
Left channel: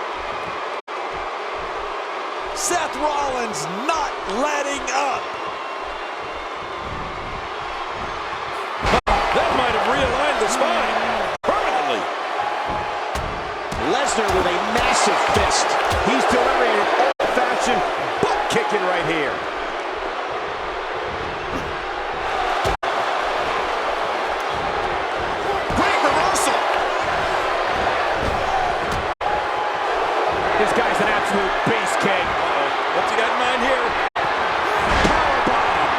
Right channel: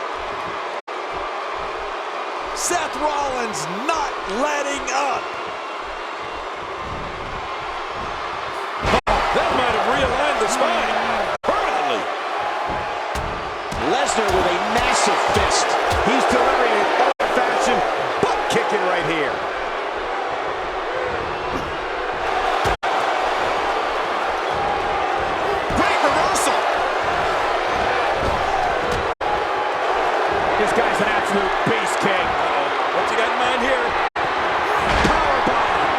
Seth Rollins not letting up. That might have realigned the spine permanently. Lesnar with a massive fist. He's delivering an old-fashioned butt kicking right here. Great reversal. This guy's an absolute beast, King. Uh-oh. What's he got in mind here? Powerbomb.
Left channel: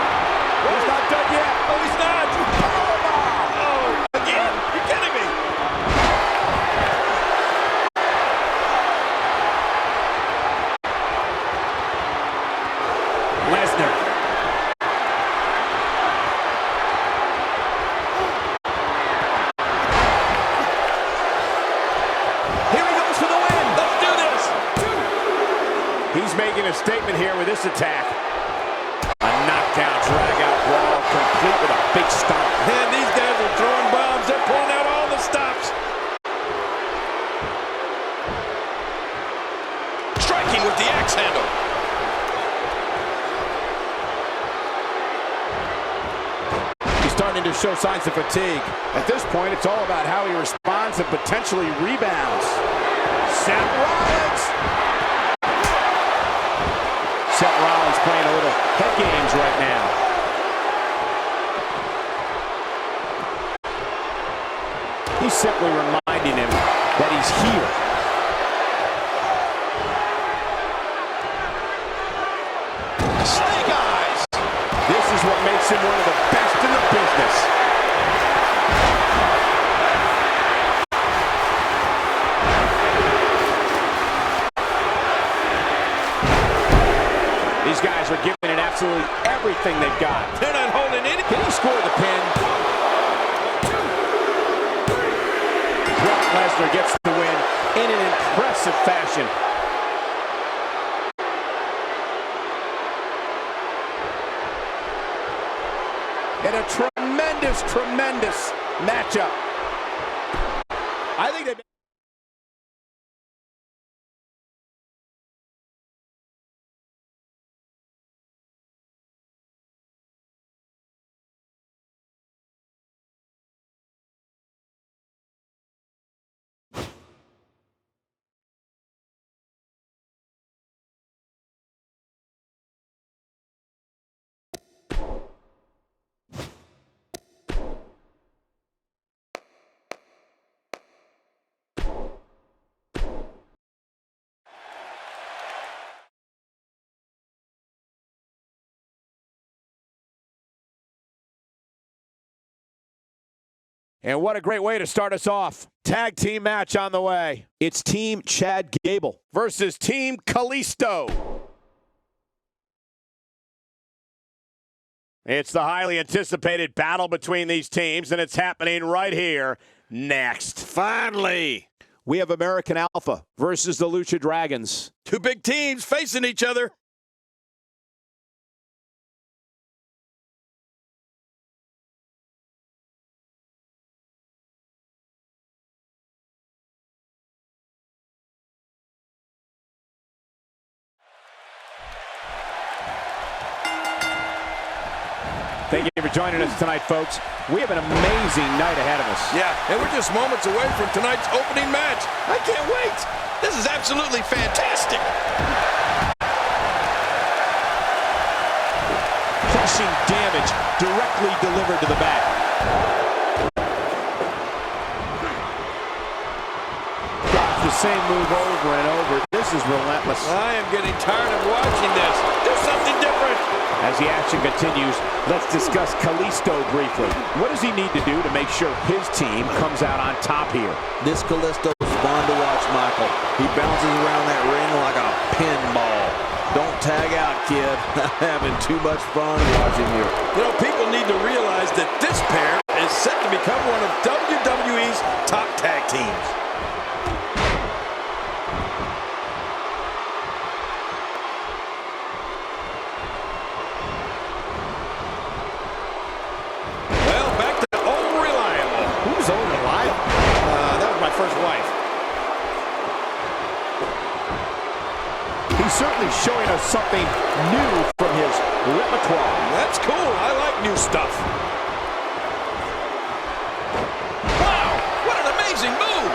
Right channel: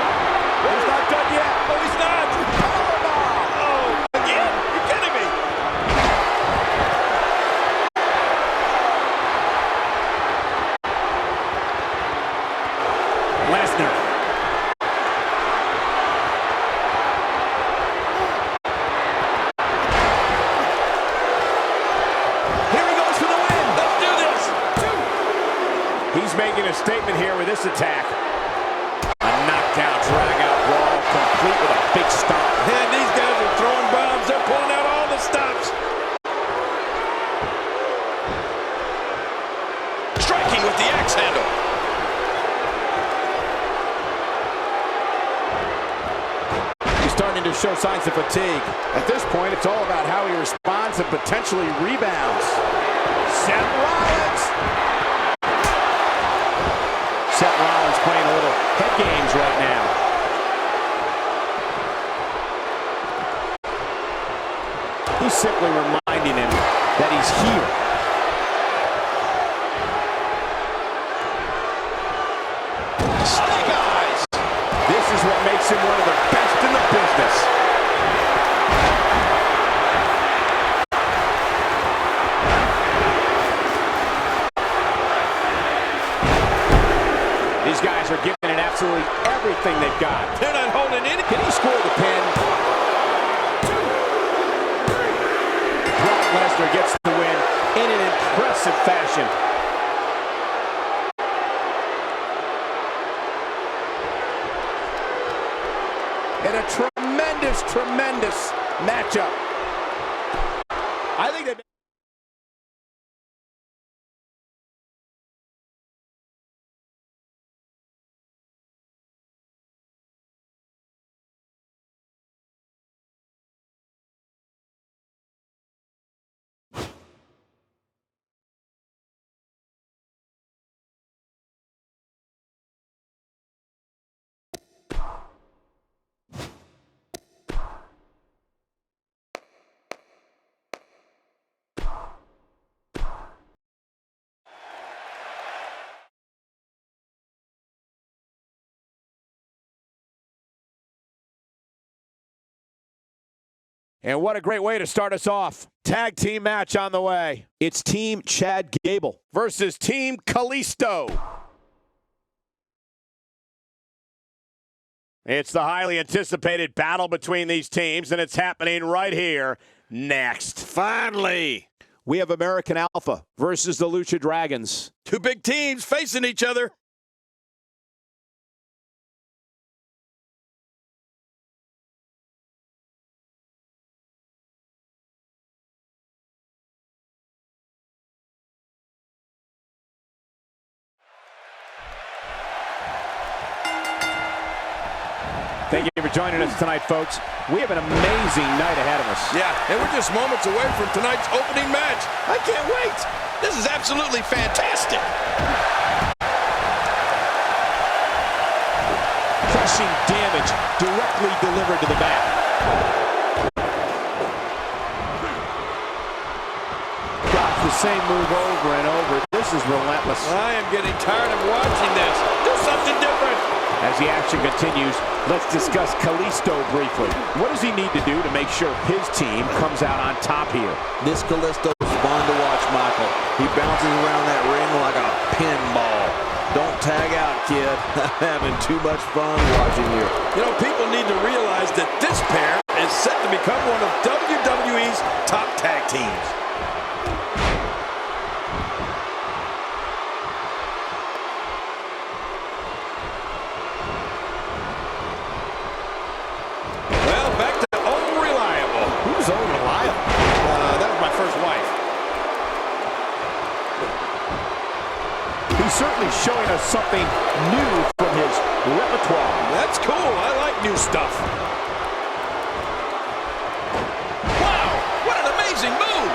He's not done yet. Oh, he's not. Powerbomb. Oh, again? You're kidding me. Lesnar. Here he goes for the win. Let's do this. He's making a statement here with this attack. A knockdown, drag-out wall, complete with a big stomp. And these guys are throwing bombs. They're pulling out all the stops. Striking with the axe handle. He's starting to show signs of fatigue. At this point, it's all about how he responds and potentially rebounds. Seth Rollins. Seth Rollins playing a little head games right now. He's simply reminding him that he's here. Snake eyes. This is what makes him one of the best in the business. These guys are giving it absolutely everything they've got. They're not holding any. Can he score the pin? 1, 2, 3. Brock Lesnar gets the win in an impressive fashion. In a tremendous, tremendous matchup. I think they... And what a great way to start us off. Tag team match on the way. It's Team Chad Gable versus Team Kalisto. It's the highly anticipated battle between these teams, and it's happening right here next. Finally. We have American Alpha versus the Lucha Dragons. Two big teams facing each other. Thank you for joining us tonight, folks. We have an amazing night ahead of us. Yeah, and we're just moments away from tonight's opening match. I can't wait. This is absolutely fantastic. Crushing damage directly delivered to the back. Got the same move over and over. This is relentless. I am getting tired of watching this. Do something different. As the action continues, let's discuss Kalisto briefly. What does he need to do to make sure his team comes out on top here? This Kalisto is fun to watch, Michael. He bounces around that ring like a pinball. Don't tag out, kid. Having too much fun watching you. You know, people need to realize that this pair is set to become one of WWE's top tag teams. Well, back to Old Reliable. Who's Old Reliable? That was my first wife. He's certainly showing us something new from his repertoire. That's cool. I like new stuff. Wow, what an amazing move.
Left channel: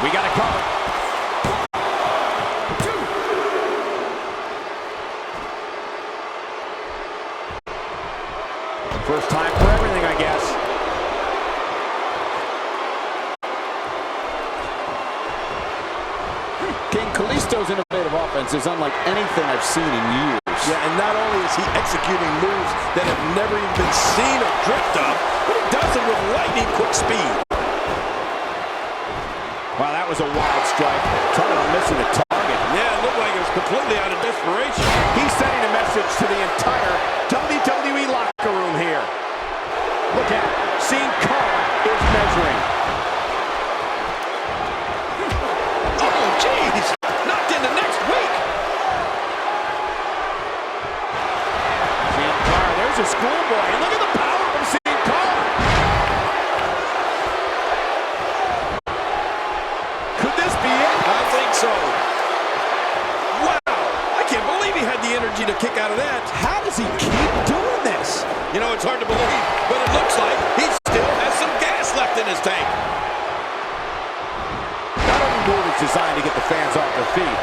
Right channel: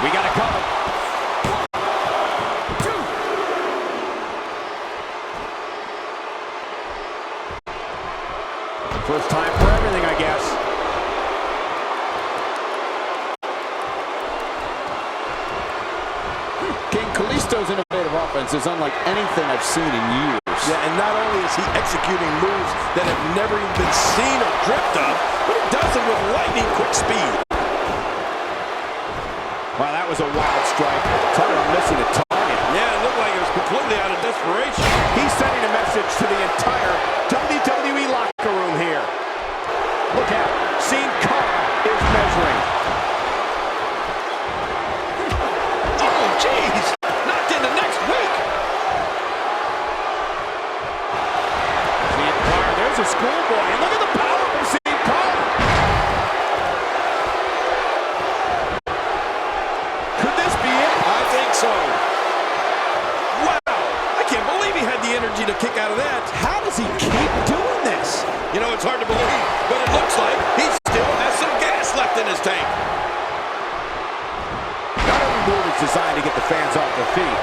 We got to cover. 1, 2. First time for everything, I guess. King Kalisto's innovative offense is unlike anything I've seen in years. Ambrose. Yeah, and not only is he executing moves that have never even been seen or dreamt of, but he does them with lightning quick speed. Wow, that was a wild strike. Talking about missing a target. Yeah, it looked like it was completely out of desperation. He's sending a message to the entire WWE locker room here. Look out. Sin Cara is measuring. Oh, jeez! Knocked into next week! Sin Cara, there's a schoolboy. And look at the power from Sin Cara. Could this be it? I think so. Wow! I can't believe he had the energy to kick out of that. How does he keep doing this? You know, it's hard to believe, but it looks like he still has some gas left in his tank. Not every move is designed to get the fans off their feet.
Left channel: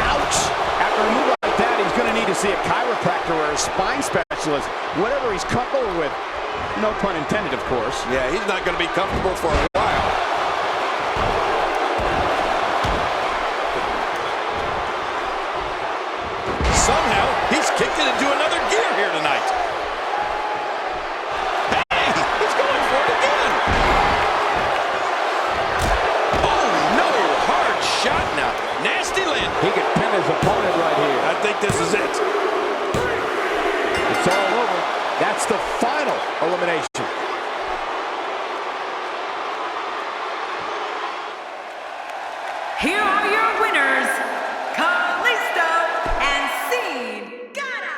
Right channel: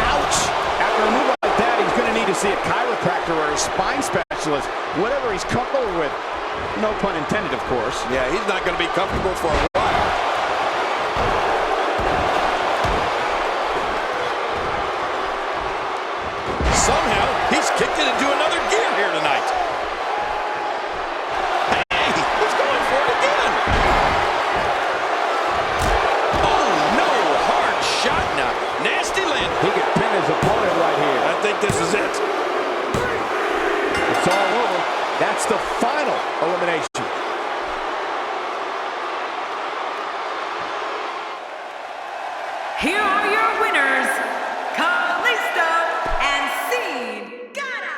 Ouch! After a move like that, he's going to need to see a chiropractor or a spine specialist, whatever he's comfortable with. No pun intended, of course. Yeah, he's not going to be comfortable for a while. Somehow, he's kicked it into another gear here tonight. Hey, he's going for it again. Oh, no, hard shot now. Nasty land. He could pin his opponent right here. I think this is it. It's all over. That's the final elimination. Here are your winners, Kalisto and Sin Cara.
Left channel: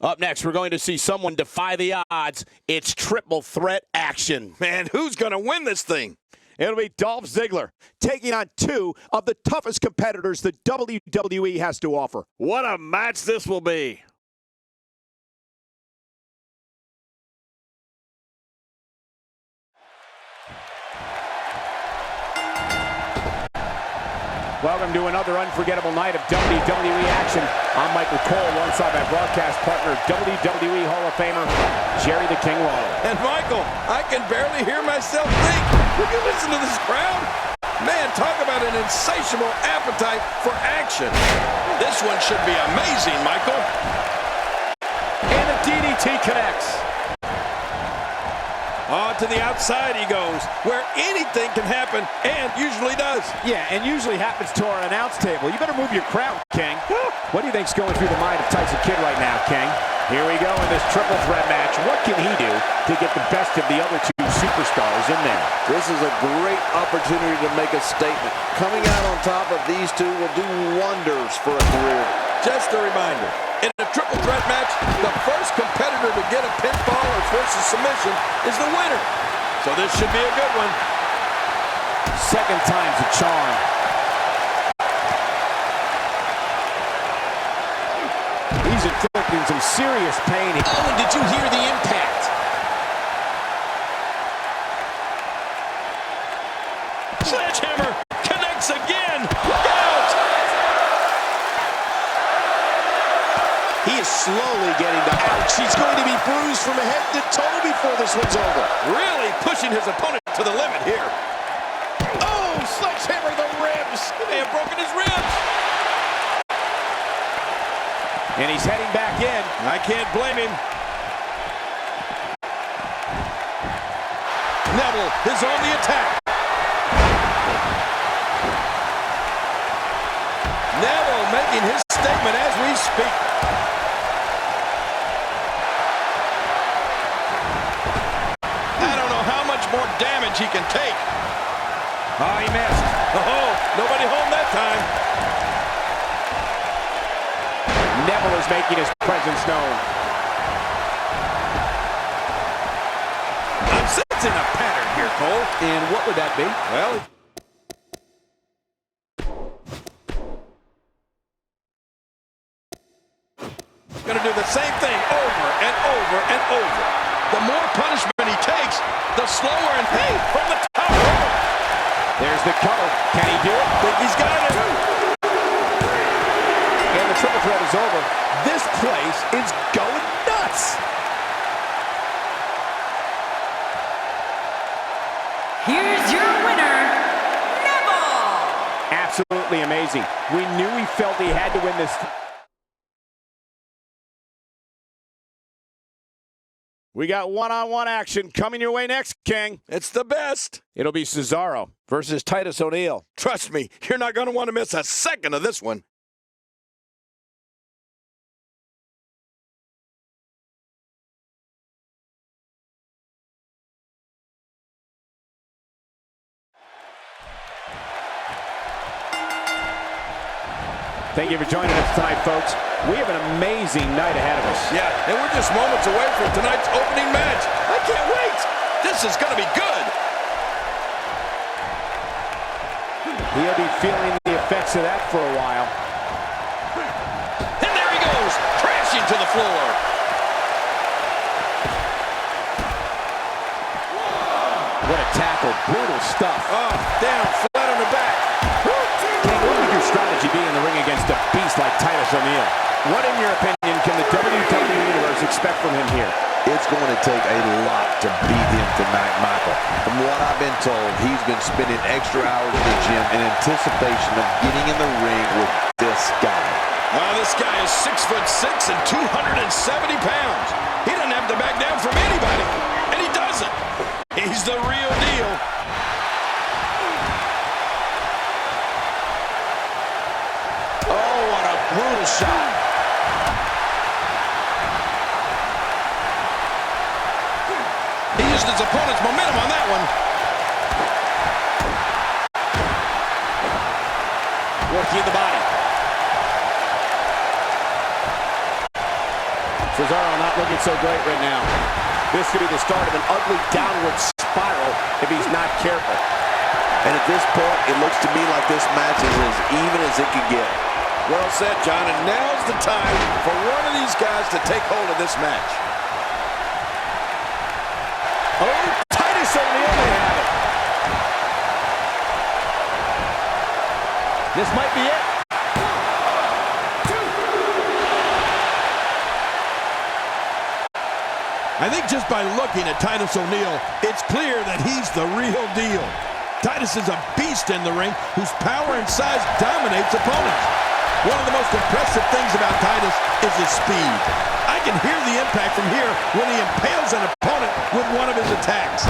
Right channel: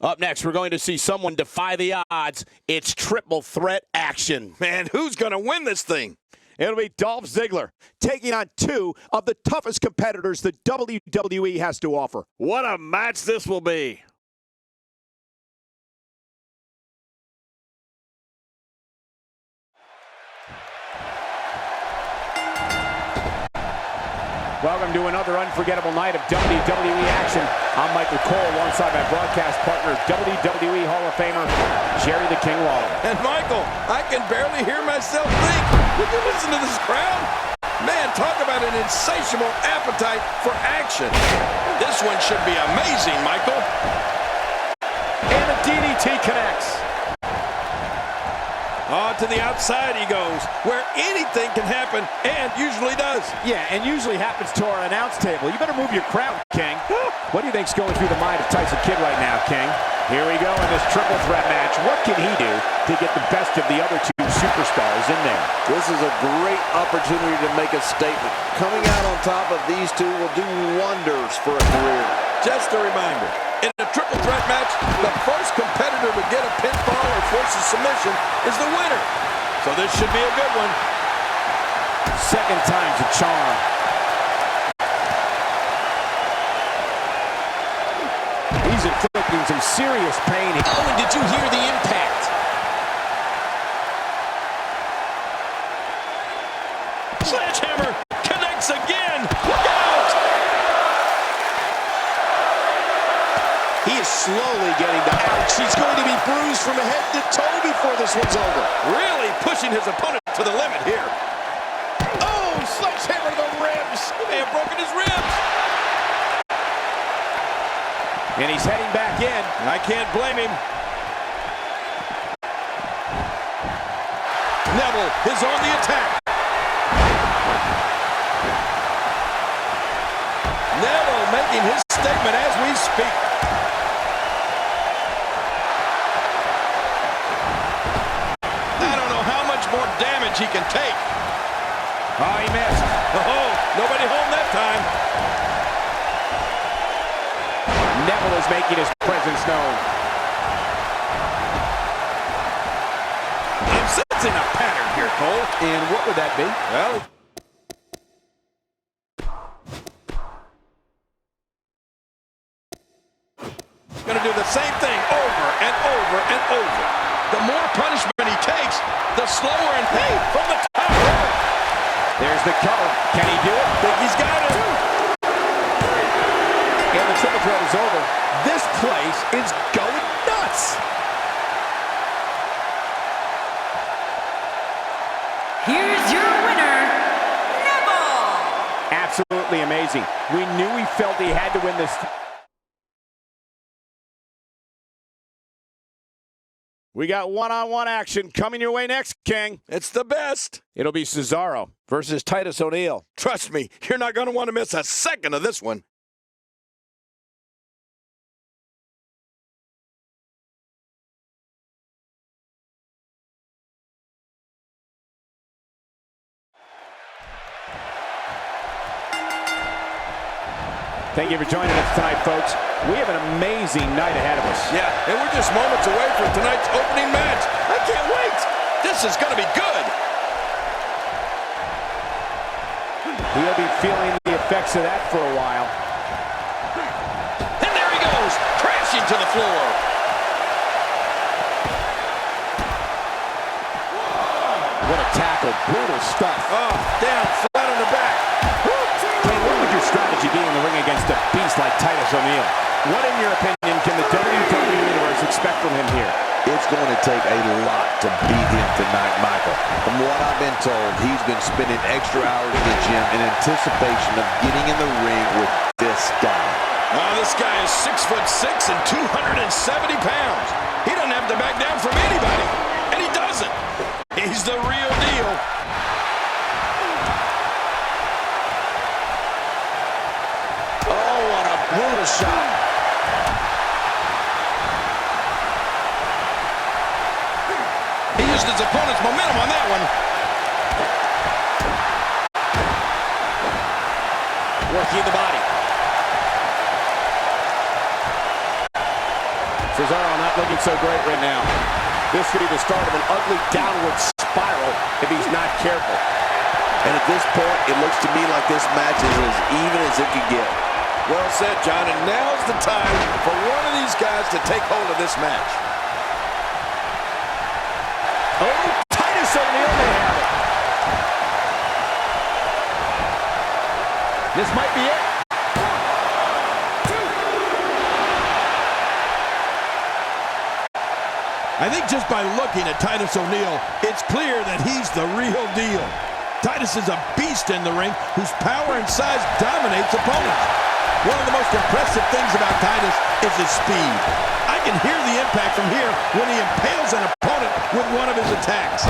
Up next, we're going to see someone defy the odds. It's triple threat action. Man, who's going to win this thing? It'll be Dolph Ziggler taking on two of the toughest competitors the WWE has to offer. What a match this will be. Welcome to another unforgettable night of WWE action. I'm Michael Cole alongside my broadcast partner, WWE Hall of Famer, Jerry the King Lawler. And Michael, I can barely hear myself think. Will you listen to this crowd? Man, talk about an insatiable appetite for action. This one should be amazing, Michael. And the DDT connects. Oh, to the outside he goes, where anything can happen, and usually does. Yeah, and usually happens to our announce table. You better move your crown, King. What do you think's going through the mind of Tyson Kidd right now, King? Here we go in this triple threat match. What can he do to get the best of the other two superstars in there? This is a great opportunity to make a statement. Coming out on top of these two will do wonders for a career. Just a reminder, in a triple threat match, the first competitor to get a pinfall or force a submission is the winner. So this should be a good one. Second time's a charm. He's inflicting some serious pain. Oh, and did you hear the impact? Sledgehammer connects again. Look out! He is slowly getting the ouch. He's going to be bruised from head to toe before this one's over. Really pushing his opponent to the limit here. Oh, sledgehammer to the ribs. He may have broken his ribs. And he's heading back in. I can't blame him. Neville is on the attack. Neville making his statement as we speak. I don't know how much more damage he can take. Oh, he missed. Oh, nobody home that time. Neville is making his presence known. I'm sensing a pattern here, Cole. And what would that be? Well, going to do the same thing over and over and over. The more punishment he takes, the slower and hey, from the top rope. There's the cover. Can he do it? Think he's got it. And the triple threat is over. This place is going nuts. Here's your winner, Neville. amazing. We knew he felt he had to win this. We got one-on-one action coming your way next, King. It's the best. It'll be Cesaro versus Titus O'Neil. Trust me, you're not going to want to miss a second of this one. Thank you for joining us tonight, folks. We have an amazing night ahead of us. Yeah, and we're just moments away from tonight's opening match. I can't wait. This is going to be good. He'll be feeling the effects of that for a while. And there he goes, crashing to the floor. What a tackle. Brutal stuff. Oh, down, flat on the back. King, what would your strategy be in the ring against a beast like Titus O'Neil? What, in your opinion, can the WWE Universe expect from him here? It's going to take a lot to beat him tonight, Michael. From what I've been told, he's been spending extra hours in the gym in anticipation of getting in the ring with this guy. This guy is 6'6" and 270 pounds. He doesn't have to back down from anybody, and he doesn't. He's the real deal. Oh, what a brutal shot. He used his opponent's momentum on that one. Working the body. Cesaro not looking so great right now. This could be the start of an ugly downward spiral if he's not careful. And at this point, it looks to me like this match is as even as it could get. Well said, John, and now's the time for one of these guys to take hold of this match. Oh, Titus O'Neil may have it. This might be it. I think just by looking at Titus O'Neil, it's clear that he's the real deal. Titus is a beast in the ring whose power and size dominates opponents. One of the most impressive things about Titus is his speed. I can hear the impact from here when he impales an opponent with one of his attacks.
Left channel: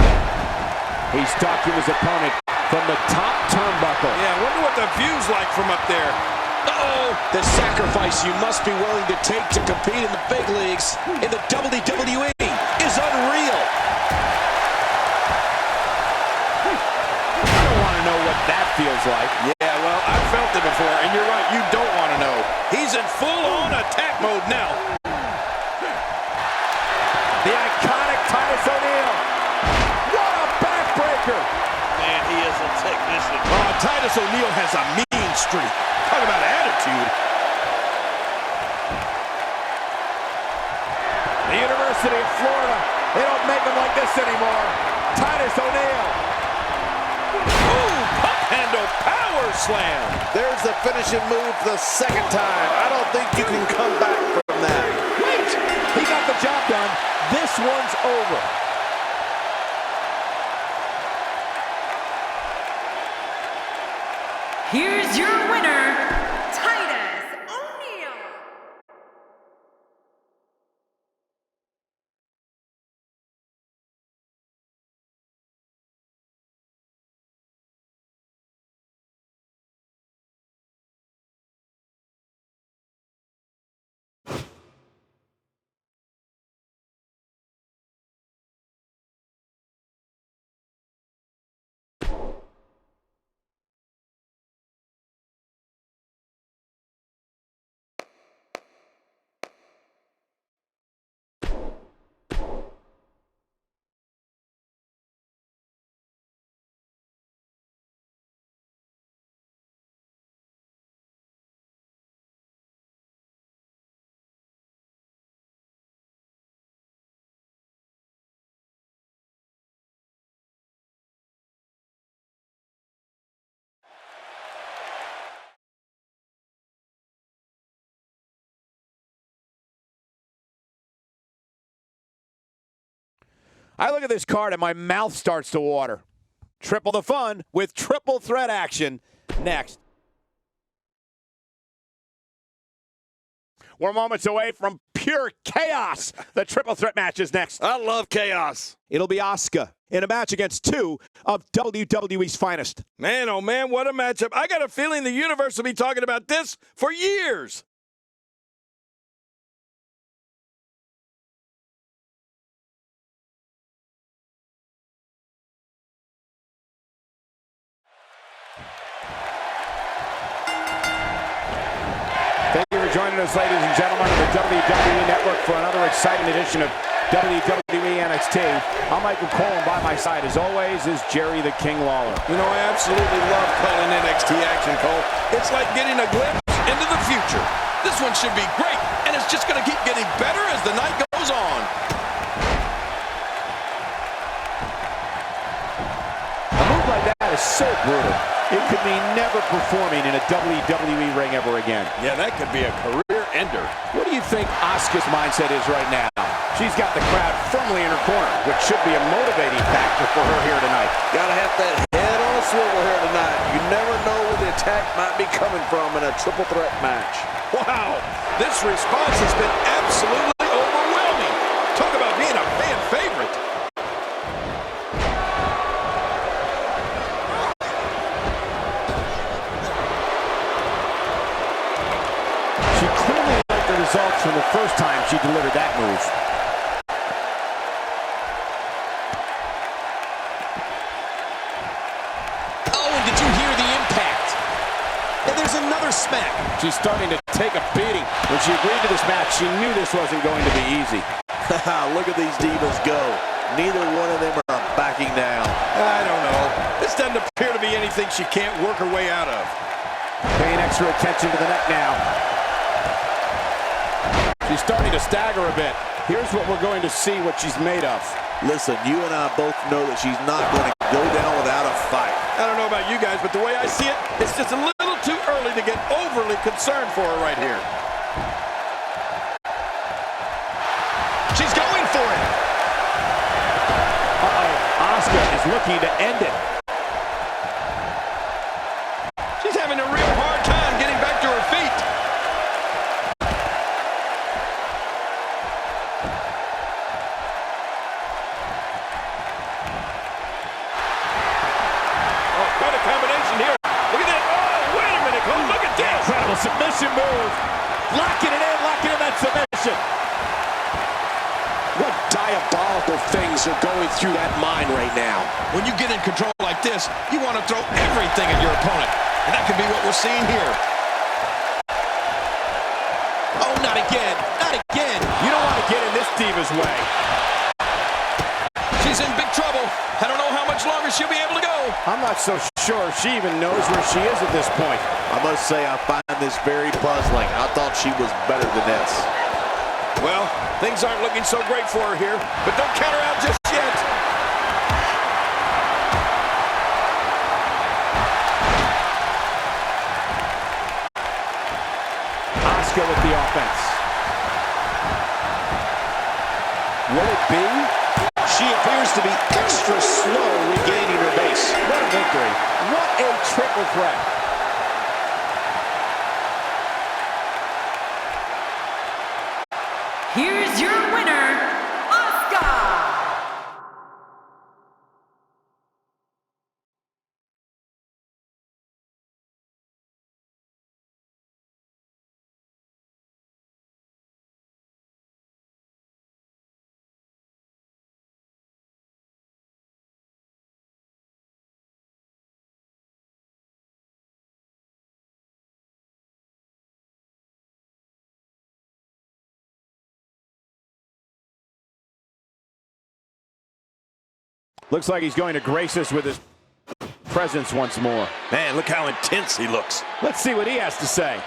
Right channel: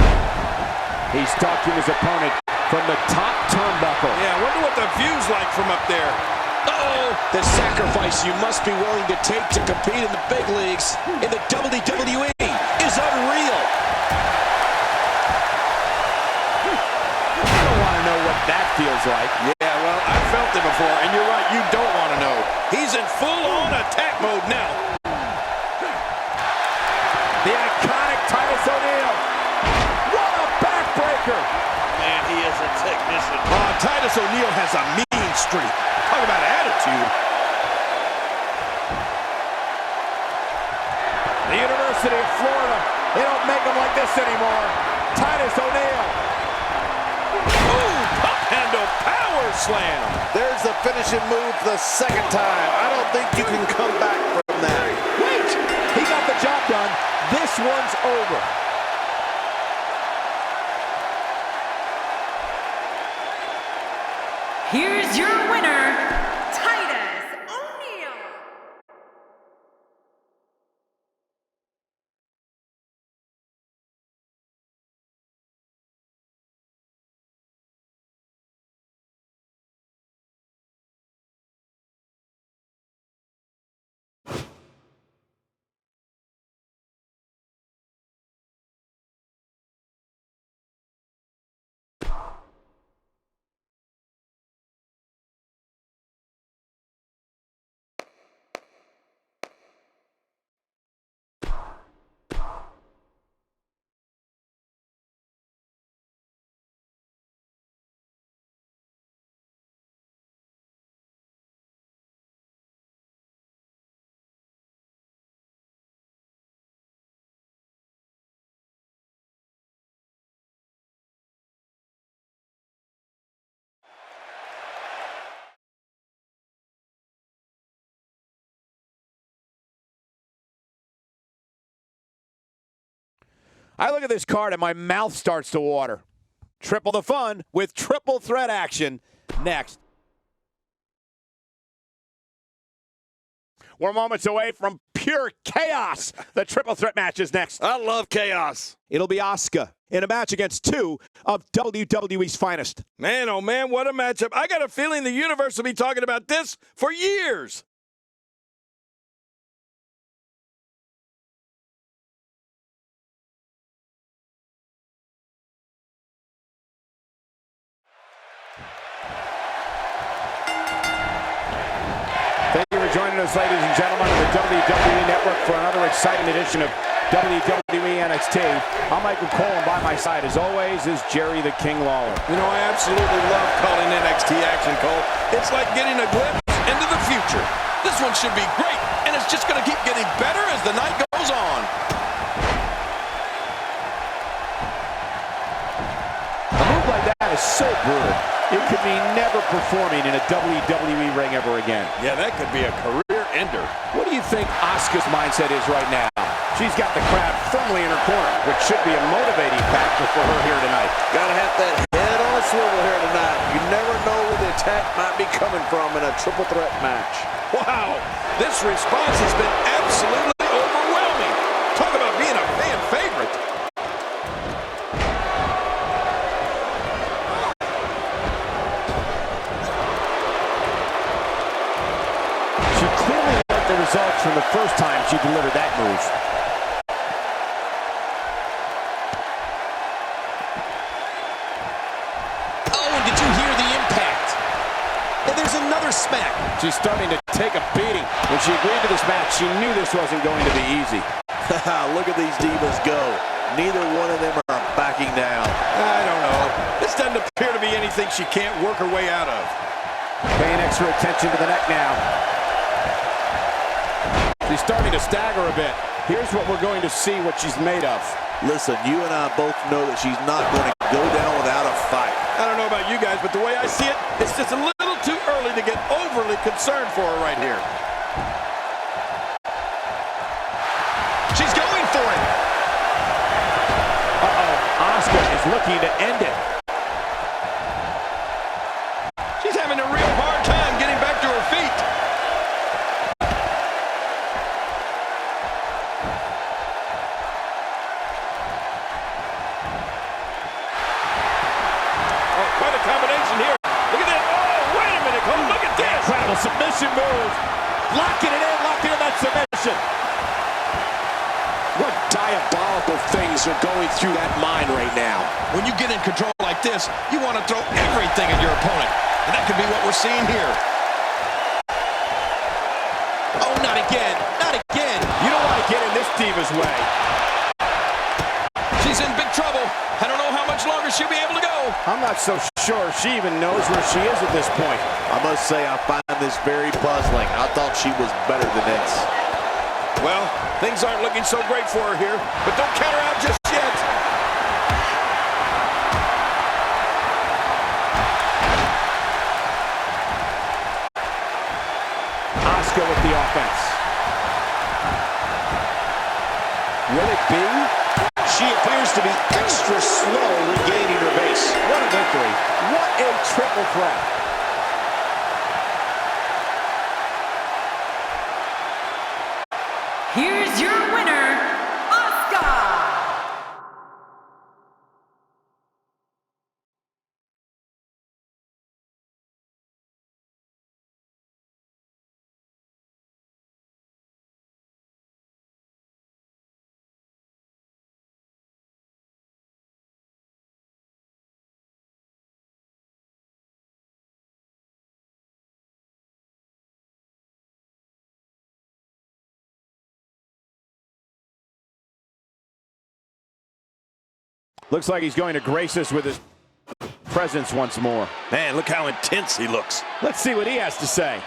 He's stalking his opponent from the top turnbuckle. Yeah, I wonder what the view's like from up there. Uh-oh! The sacrifice you must be willing to take to compete in the big leagues in the WWE is unreal. I don't want to know what that feels like. Yeah, well, I've felt it before, and you're right, you don't want to know. He's in full-on attack mode now. The iconic Titus O'Neil. What a backbreaker. Man, he is a technician. Titus O'Neil has a mean streak. Talk about attitude. The University of Florida, they don't make them like this anymore. Titus O'Neil. Ooh, pump handle power slam. There's the finishing move for the second time. I don't think you can come back from that. Wait, he got the job done. This one's over. Here's your winner, Titus O'Neil. I look at this card and my mouth starts to water. Triple the fun with triple threat action next. We're moments away from pure chaos. The triple threat match is next. I love chaos. It'll be Asuka in a match against two of WWE's finest. Man, oh man, what a matchup. I got a feeling the universe will be talking about this for years. Thank you for joining us, ladies and gentlemen, on the WWE Network for another exciting edition of WWE NXT. I'm Michael Cole, and by my side, as always, is Jerry the King Lawler. You know, I absolutely love calling NXT action, Cole. It's like getting a glimpse into the future. This one should be great, and it's just going to keep getting better as the night goes on. A move like that is so brutal. It could mean never performing in a WWE ring ever again. Yeah, that could be a career ender. What do you think Asuka's mindset is right now? She's got the crowd firmly in her corner, which should be a motivating factor for her here tonight. Gotta have that head on a swivel here tonight. You never know where the attack might be coming from in a triple threat match. Wow, this response has been absolutely overwhelming. Talk about being a fan favorite. She clearly liked the results from the first time she delivered that move. Oh, and did you hear the impact? And there's another smack. She's starting to take a beating. When she agreed to this match, she knew this wasn't going to be easy. Look at these divas go. Neither one of them are backing down. I don't know. This doesn't appear to be anything she can't work her way out of. Paying extra attention to the neck now. She's starting to stagger a bit. Here's what we're going to see what she's made of. Listen, you and I both know that she's not going to go down without a fight. I don't know about you guys, but the way I see it, it's just a little too early to get overly concerned for her right here. She's going for it. Uh-oh, Asuka is looking to end it. She's having a real hard time getting back to her feet. Oh, quite a combination here. Look at that. Oh, wait a minute, Cole. Look at this. Incredible submission move. Locking in that submission. What diabolical things are going through that mind right now? When you get in control like this, you want to throw everything at your opponent. And that could be what we're seeing here. Oh, not again. Not again. You don't want to get in this diva's way. She's in big trouble. I don't know how much longer she'll be able to go. I'm not so sure she even knows where she is at this point. I must say I find this very puzzling. I thought she was better than this. Well, things aren't looking so great for her here, but don't count her out just yet. Asuka with the offense. Will it be? She appears to be extra slow regaining her base. What a victory. What a triple threat. Here's your winner, Asuka! Looks like he's going to grace us with his presence once more. Man, look how intense he looks. Let's see what he has to say.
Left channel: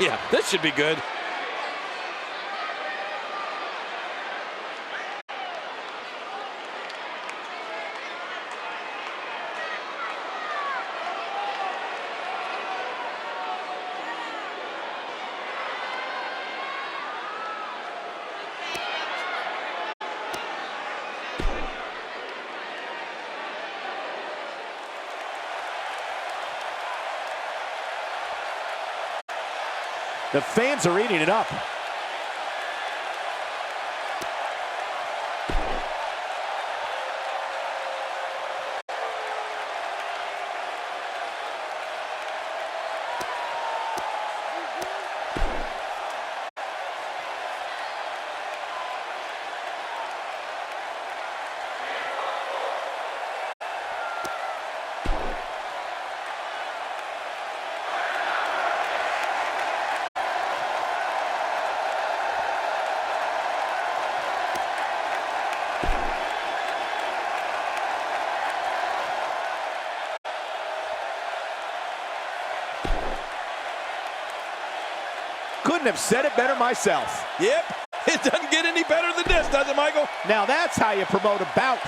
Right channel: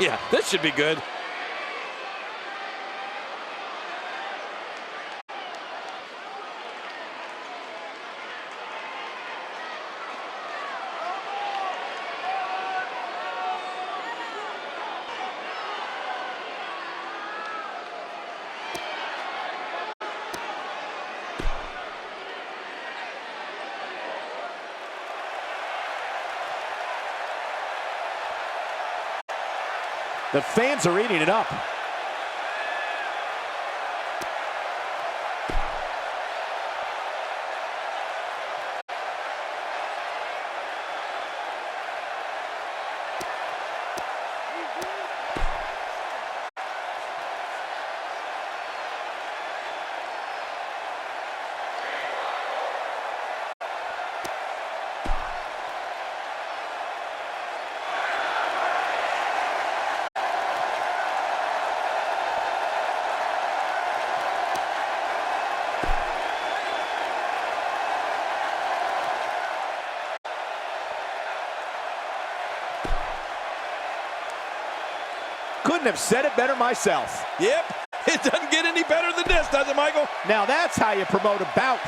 Yeah, this should be good. The fans are eating it up. couldn't have said it better myself. Yep, it doesn't get any better than this, does it, Michael? Now that's how you promote a bout.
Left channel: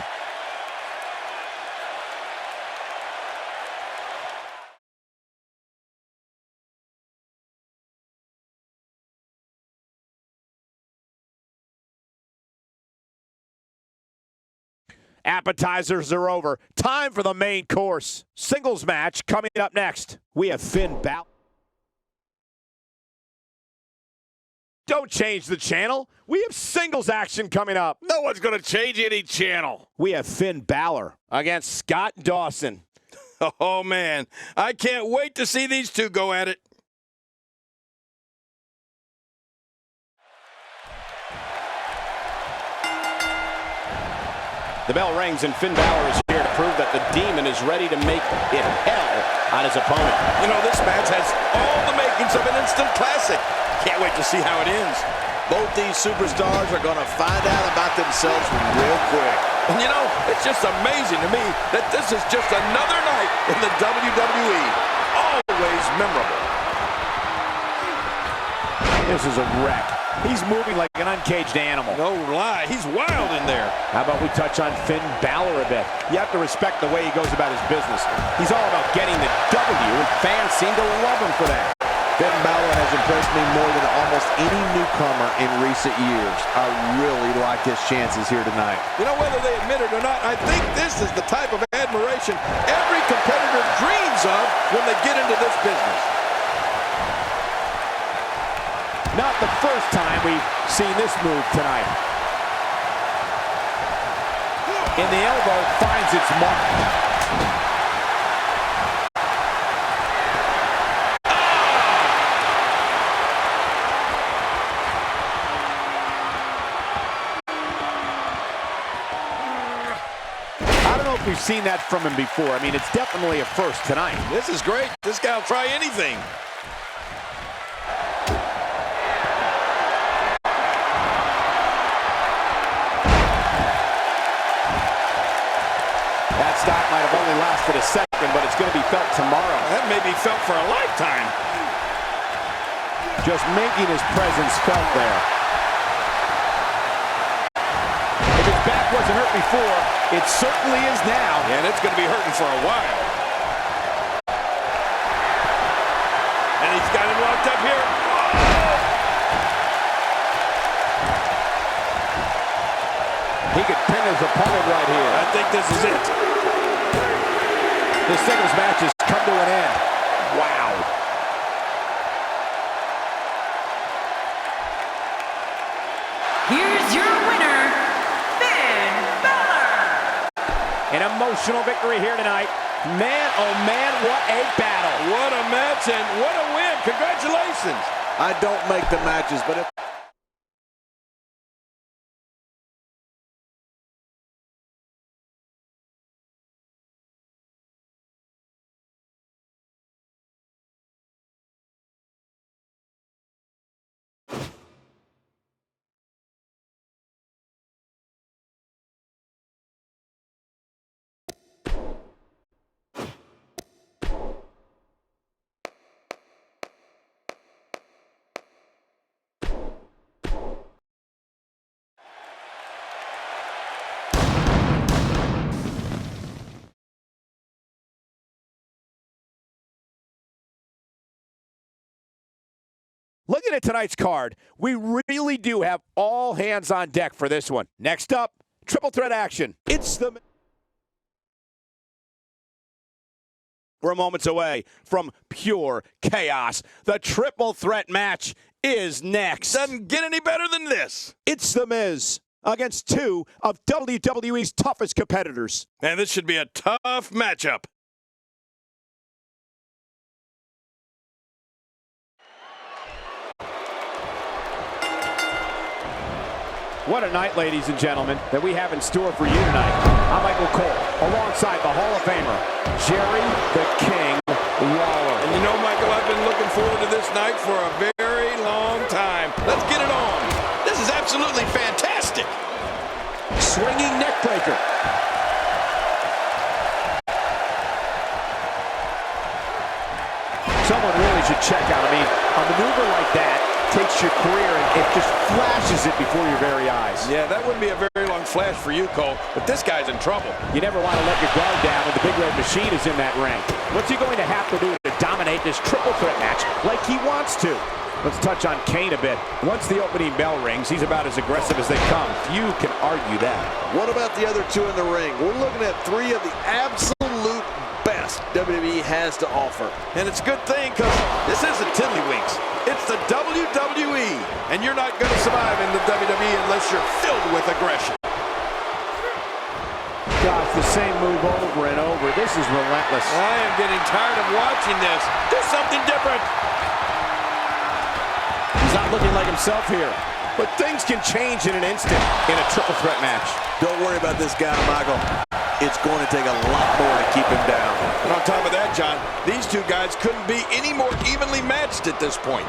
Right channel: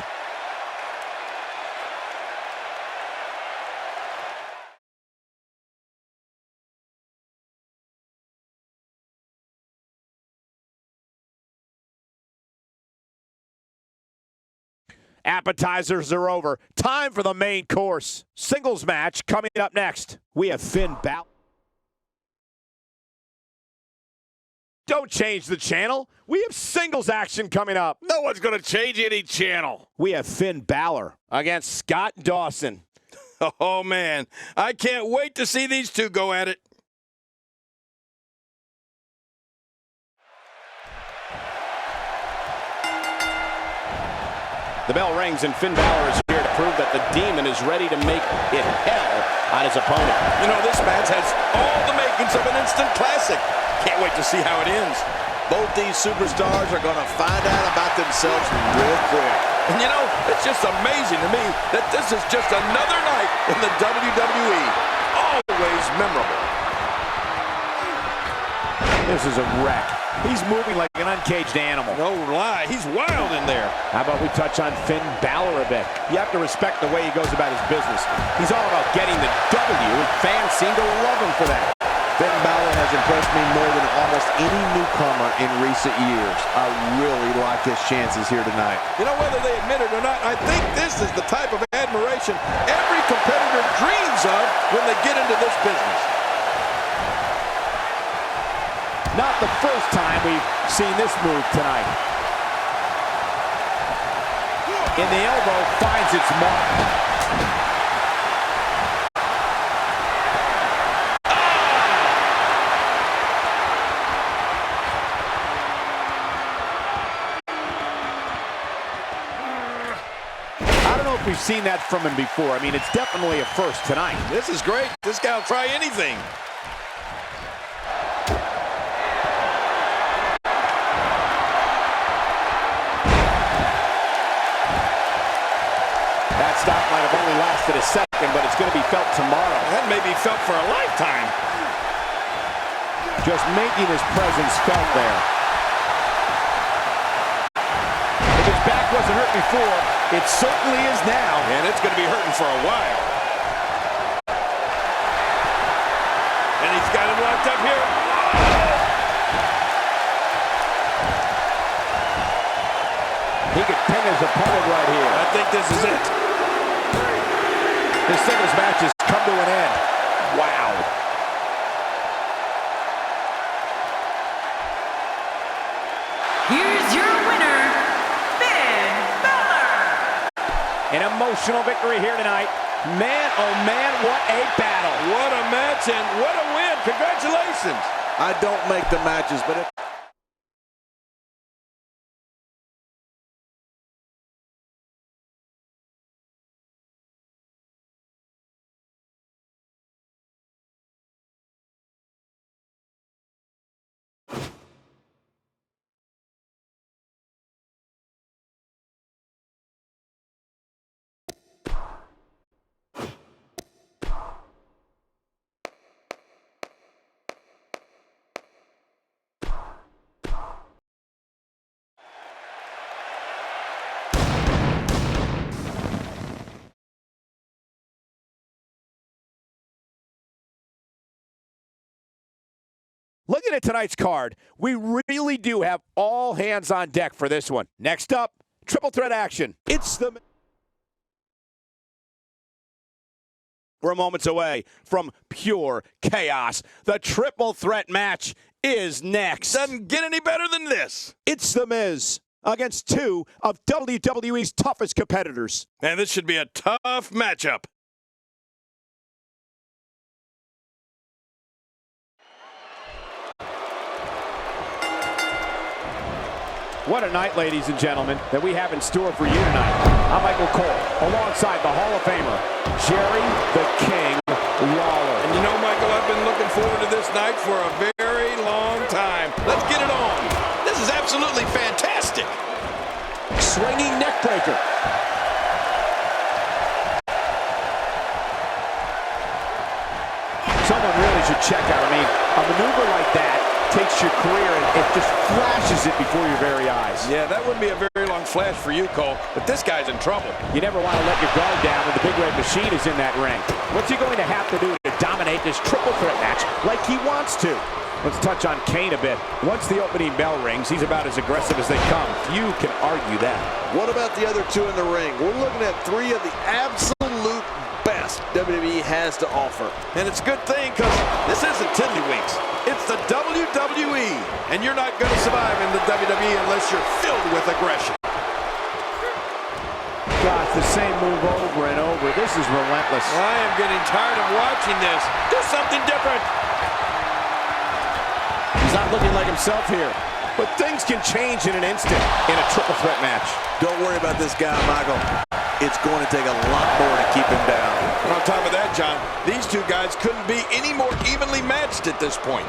Appetizers are over. Time for the main course. Singles match coming up next. We have Finn Balor. Don't change the channel. We have singles action coming up. No one's going to change any channel. We have Finn Balor against Scott Dawson. Oh, man. I can't wait to see these two go at it. The bell rings and Finn Balor is here to prove that the Demon is ready to make it hell on his opponent. You know, this match has all the makings of an instant classic. Can't wait to see how it ends. Both these superstars are going to find out about themselves real quick. And you know, it's just amazing to me that this is just another night in the WWE. Always memorable. This is a wreck. He's moving like an uncaged animal. No lie, he's wild in there. How about we touch on Finn Balor a bit? You have to respect the way he goes about his business. He's all about getting the W, and fans seem to love him for that. Finn Balor has impressed me more than almost any newcomer in recent years. I really like his chances here tonight. You know, whether they admit it or not, I think this is the type of admiration every competitor dreams of when they get into this business. Not the first time we've seen this move tonight. And the elbow finds its mark. I don't know if we've seen that from him before. I mean, it's definitely a first tonight. This is great. This guy will try anything. That stop might have only lasted a second, but it's going to be felt tomorrow. That may be felt for a lifetime. Just making his presence felt there. If his back wasn't hurt before, it certainly is now. And it's going to be hurting for a while. And he's got him locked up here. He could pin his opponent right here. I think this is it. This singles match has come to an end. Wow. Here's your winner, Finn Balor. An emotional victory here tonight. Man, oh man, what a battle. What a match and what a win. Congratulations. I don't make the matches, but if looking at tonight's card, we really do have all hands on deck for this one. Next up, triple threat action. We're moments away from pure chaos. The triple threat match is next. Doesn't get any better than this. It's The Miz against two of WWE's toughest competitors. And this should be a tough matchup. What a night, ladies and gentlemen, that we have in store for you tonight. I'm Michael Cole, alongside the Hall of Famer, Jerry the King Lawler. And you know, Michael, I've been looking forward to this night for a very long time. Let's get it on. This is absolutely fantastic. Swinging neck breaker. Someone really should check out. I mean, a maneuver like that takes your career and it just flashes it before your very eyes. Yeah, that wouldn't be a very long flash for you, Cole, but this guy's in trouble. You never want to let your guard down when the Big Red Machine is in that ring. What's he going to have to do to dominate this triple threat match like he wants to? Let's touch on Kane a bit. Once the opening bell rings, he's about as aggressive as they come. Few can argue that. What about the other two in the ring? We're looking at three of the absolute best WWE has to offer. And it's a good thing because this isn't Tiddlywinks. It's the WWE, and you're not going to survive in the WWE unless you're filled with aggression. Gosh, the same move over and over. This is relentless. I am getting tired of watching this. Do something different. He's not looking like himself here. But things can change in an instant in a triple threat match. Don't worry about this guy, Michael. It's going to take a lot more to keep him down. And on top of that, John, these two guys couldn't be any more evenly matched at this point.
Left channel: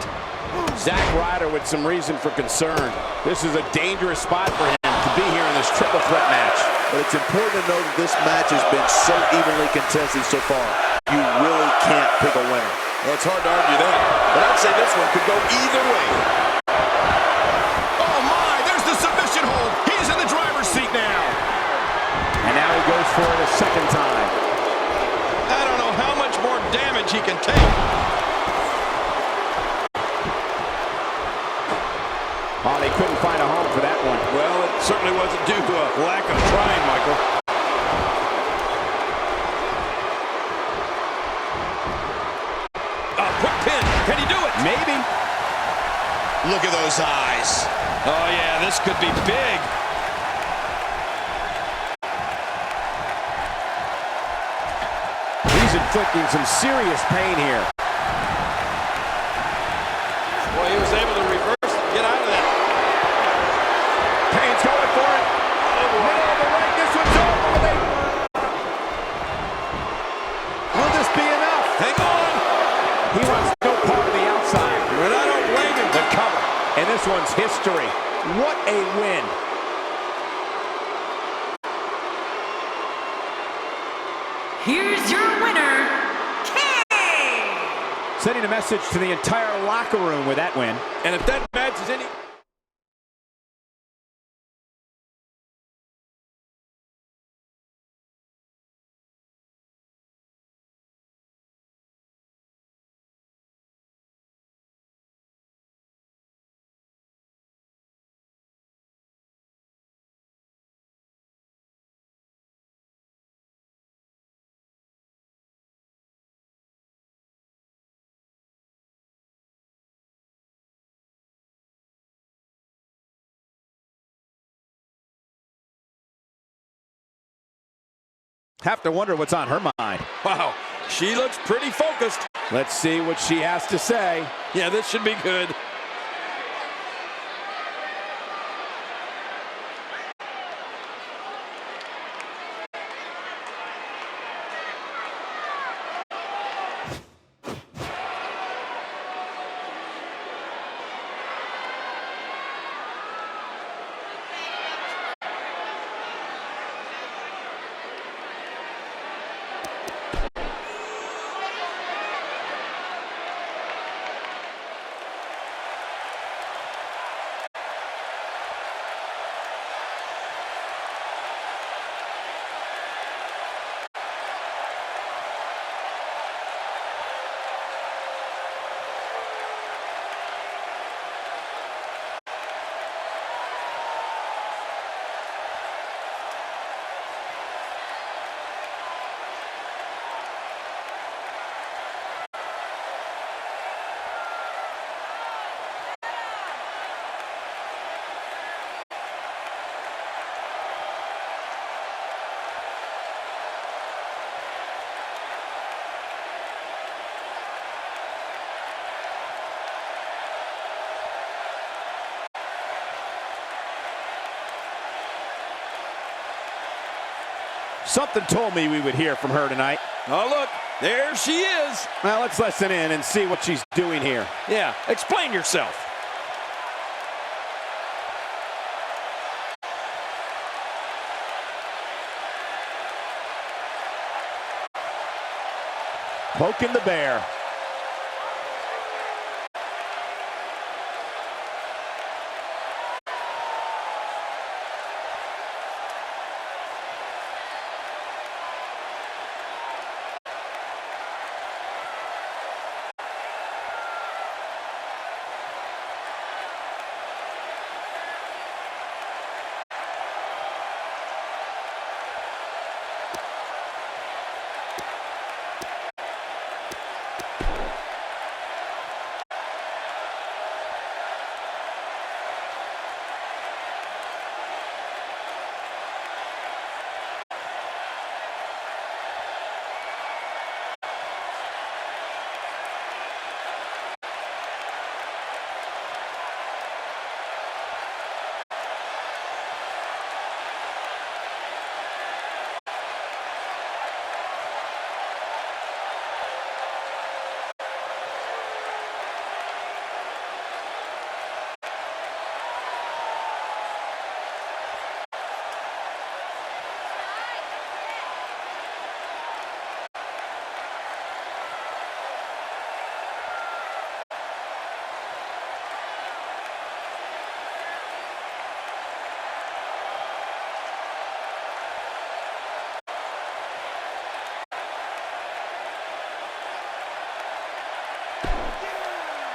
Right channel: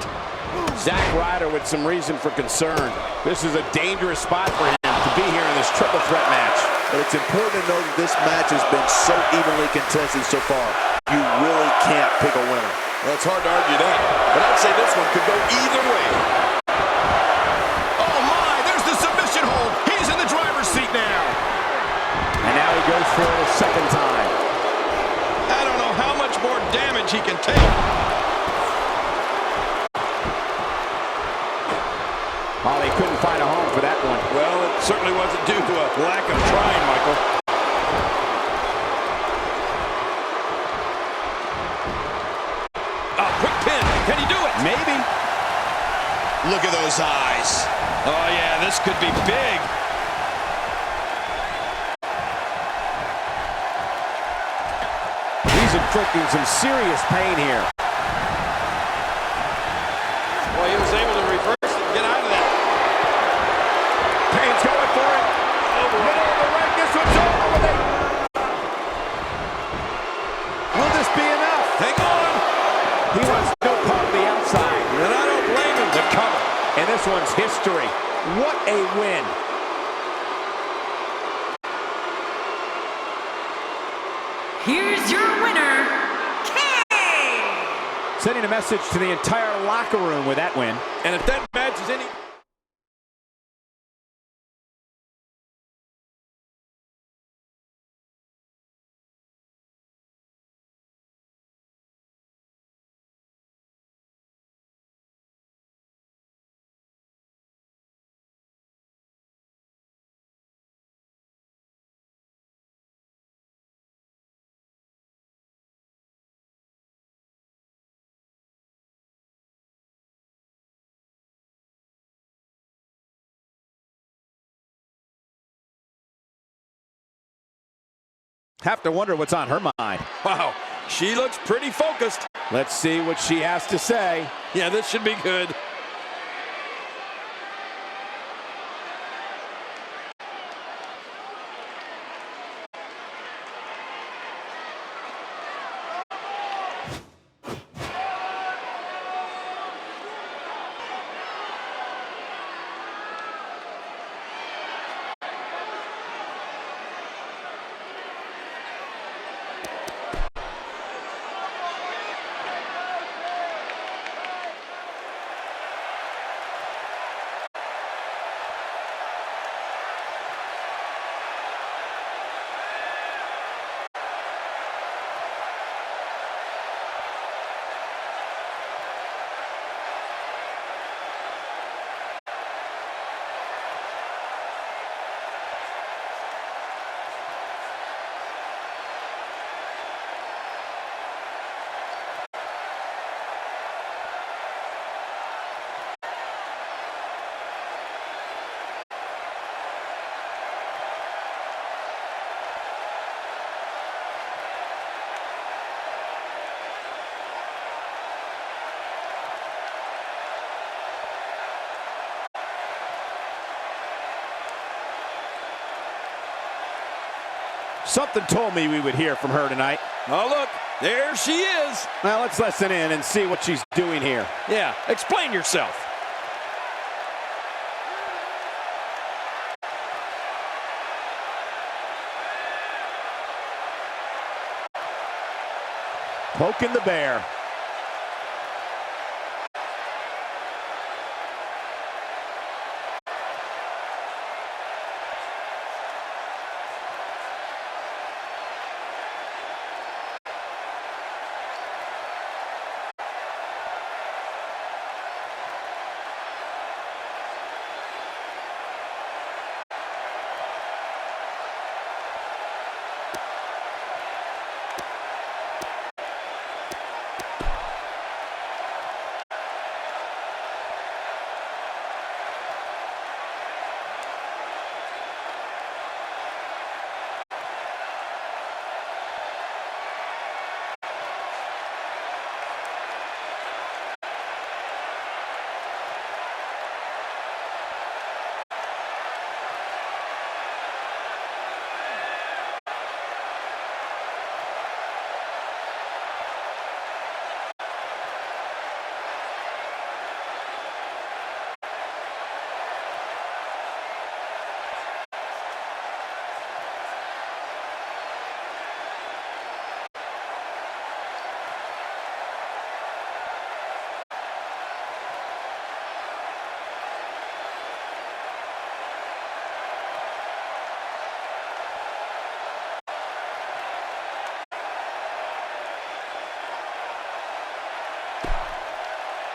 Zack Ryder with some reason for concern. This is a dangerous spot for him to be here in this triple threat match. But it's important to know that this match has been so evenly contested so far. You really can't pick a winner. Well, it's hard to argue that, but I'd say this one could go either way. Oh my, there's the submission hold. He's in the driver's seat now. And now he goes for it a second time. I don't know how much more damage he can take. Oh, they couldn't find a home for that one. Well, it certainly wasn't due to a lack of trying, Michael. A quick pin. Can he do it? Maybe. Look at those eyes. Oh, yeah, this could be big. He's inflicting some serious pain here. Boy, he was able to reverse it and get out of that. Payne's going for it. Oh, boy. Middle of the ring. This one's over with a... Will this be enough? Hang on. He wants no part of the outside. And I don't blame him. The cover. And this one's history. What a win. Here's your winner, Kane! Sending a message to the entire locker room with that win. And if that match is any... Have to wonder what's on her mind. Wow, she looks pretty focused. Let's see what she has to say. Yeah, this should be good. Something told me we would hear from her tonight. Oh, look, there she is. Now let's listen in and see what she's doing here. Yeah, explain yourself. Poking the bear.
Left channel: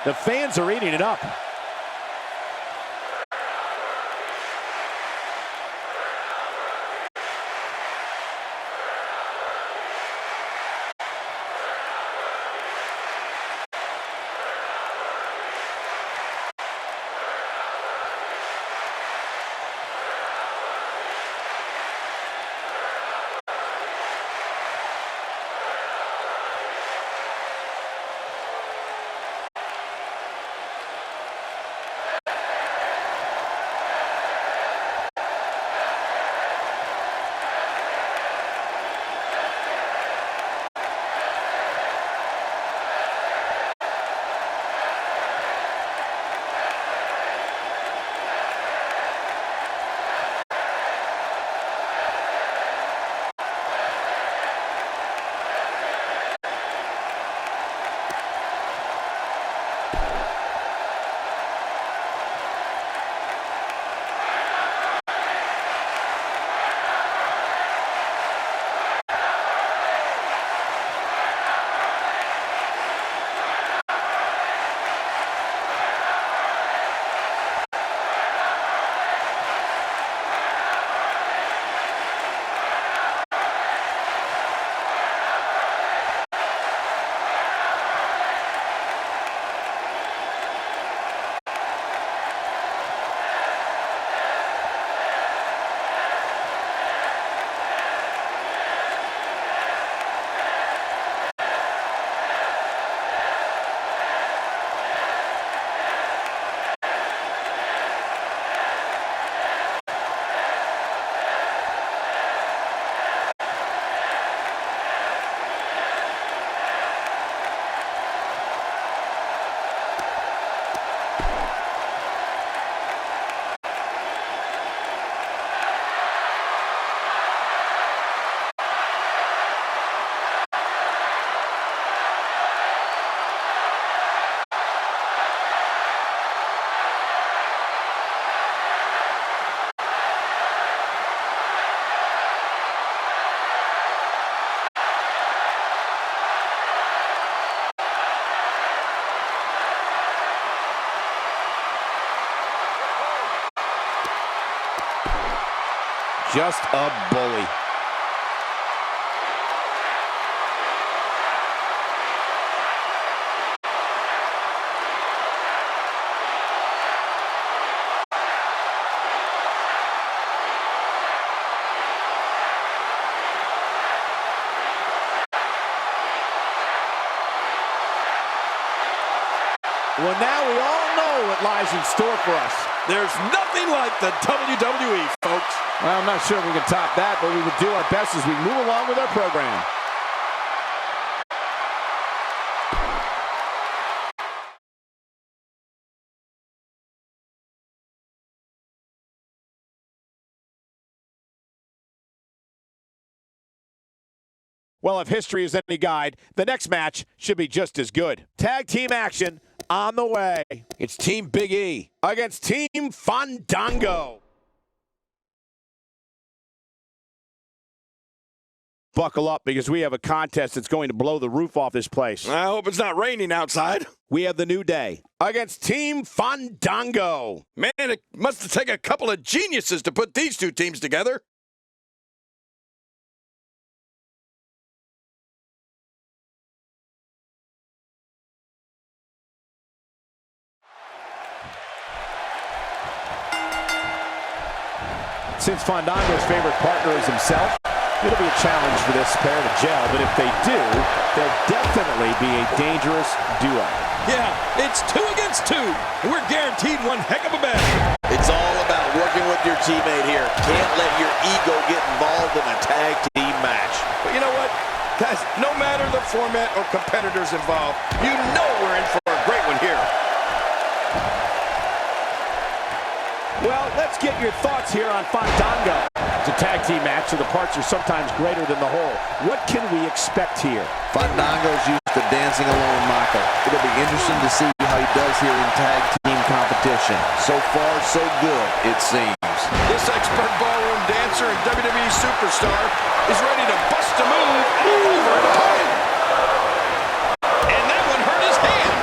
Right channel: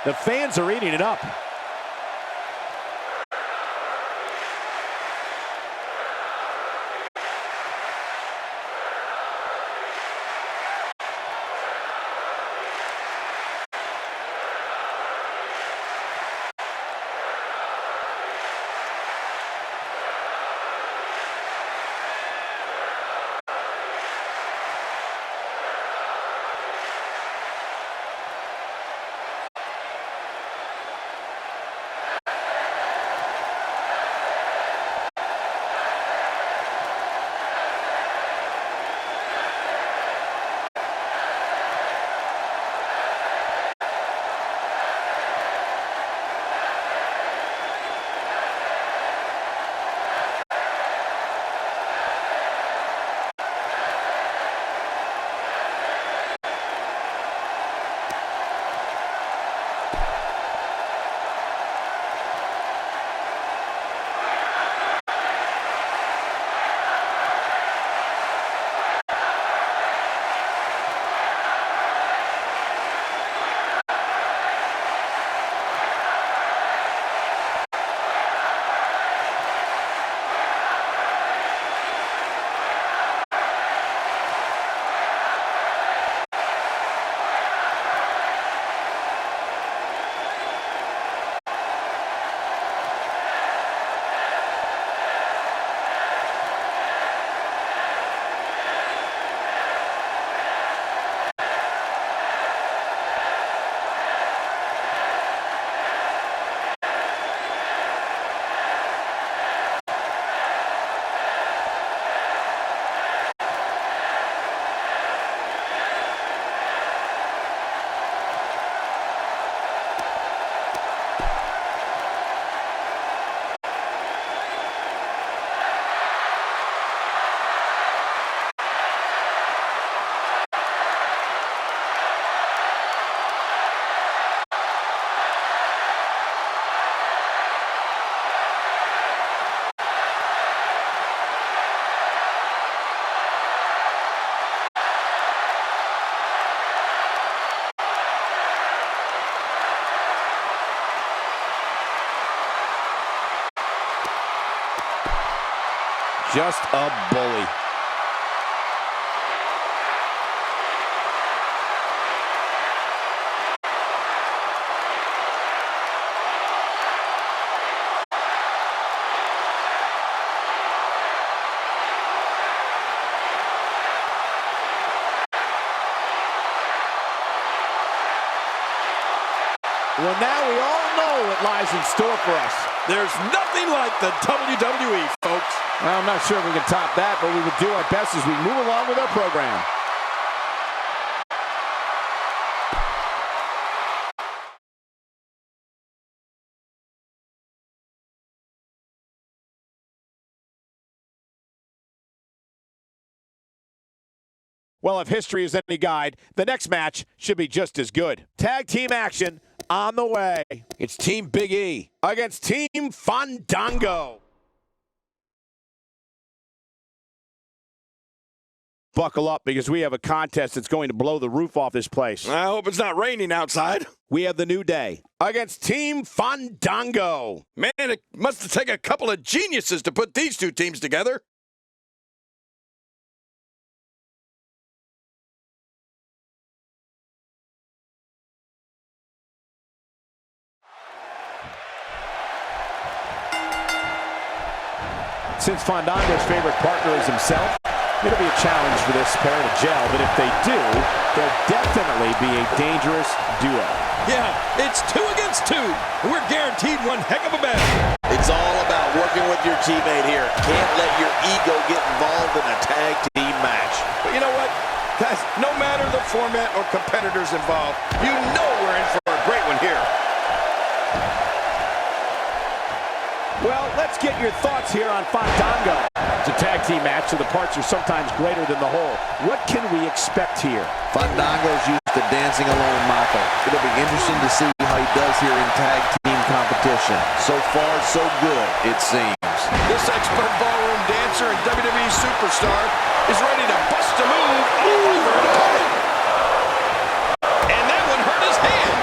The fans are eating it up. Just a bully. Well, now we all know what lies in store for us. There's nothing like the WWE, folks. Well, I'm not sure if we can top that, but we will do our best as we move along with our program. Well, if history is any guide, the next match should be just as good. Tag team action on the way. It's Team Big E Against Team Fandango. Buckle up, because we have a contest that's going to blow the roof off this place. I hope it's not raining outside. We have the New Day against Team Fandango. Man, it must take a couple of geniuses to put these two teams together. Since Fandango's favorite partner is himself, it'll be a challenge for this pair to gel, but if they do, they'll definitely be a dangerous duo. Yeah, it's 2 against 2, and we're guaranteed one heck of a battle. It's all about working with your teammate here. Can't let your ego get involved in a tag team match. But you know what? Guys, no matter the format or competitors involved, you know we're in for a great one here. Well, let's get your thoughts here on Fandango. It's a tag team match, so the parts are sometimes greater than the whole. What can we expect here? Fandango's used to dancing alone, Michael. It'll be interesting to see how he does here in tag team competition. So far, so good, it seems. This expert ballroom dancer and WWE superstar is ready to bust a move all over an opponent. And that one hurt his hand.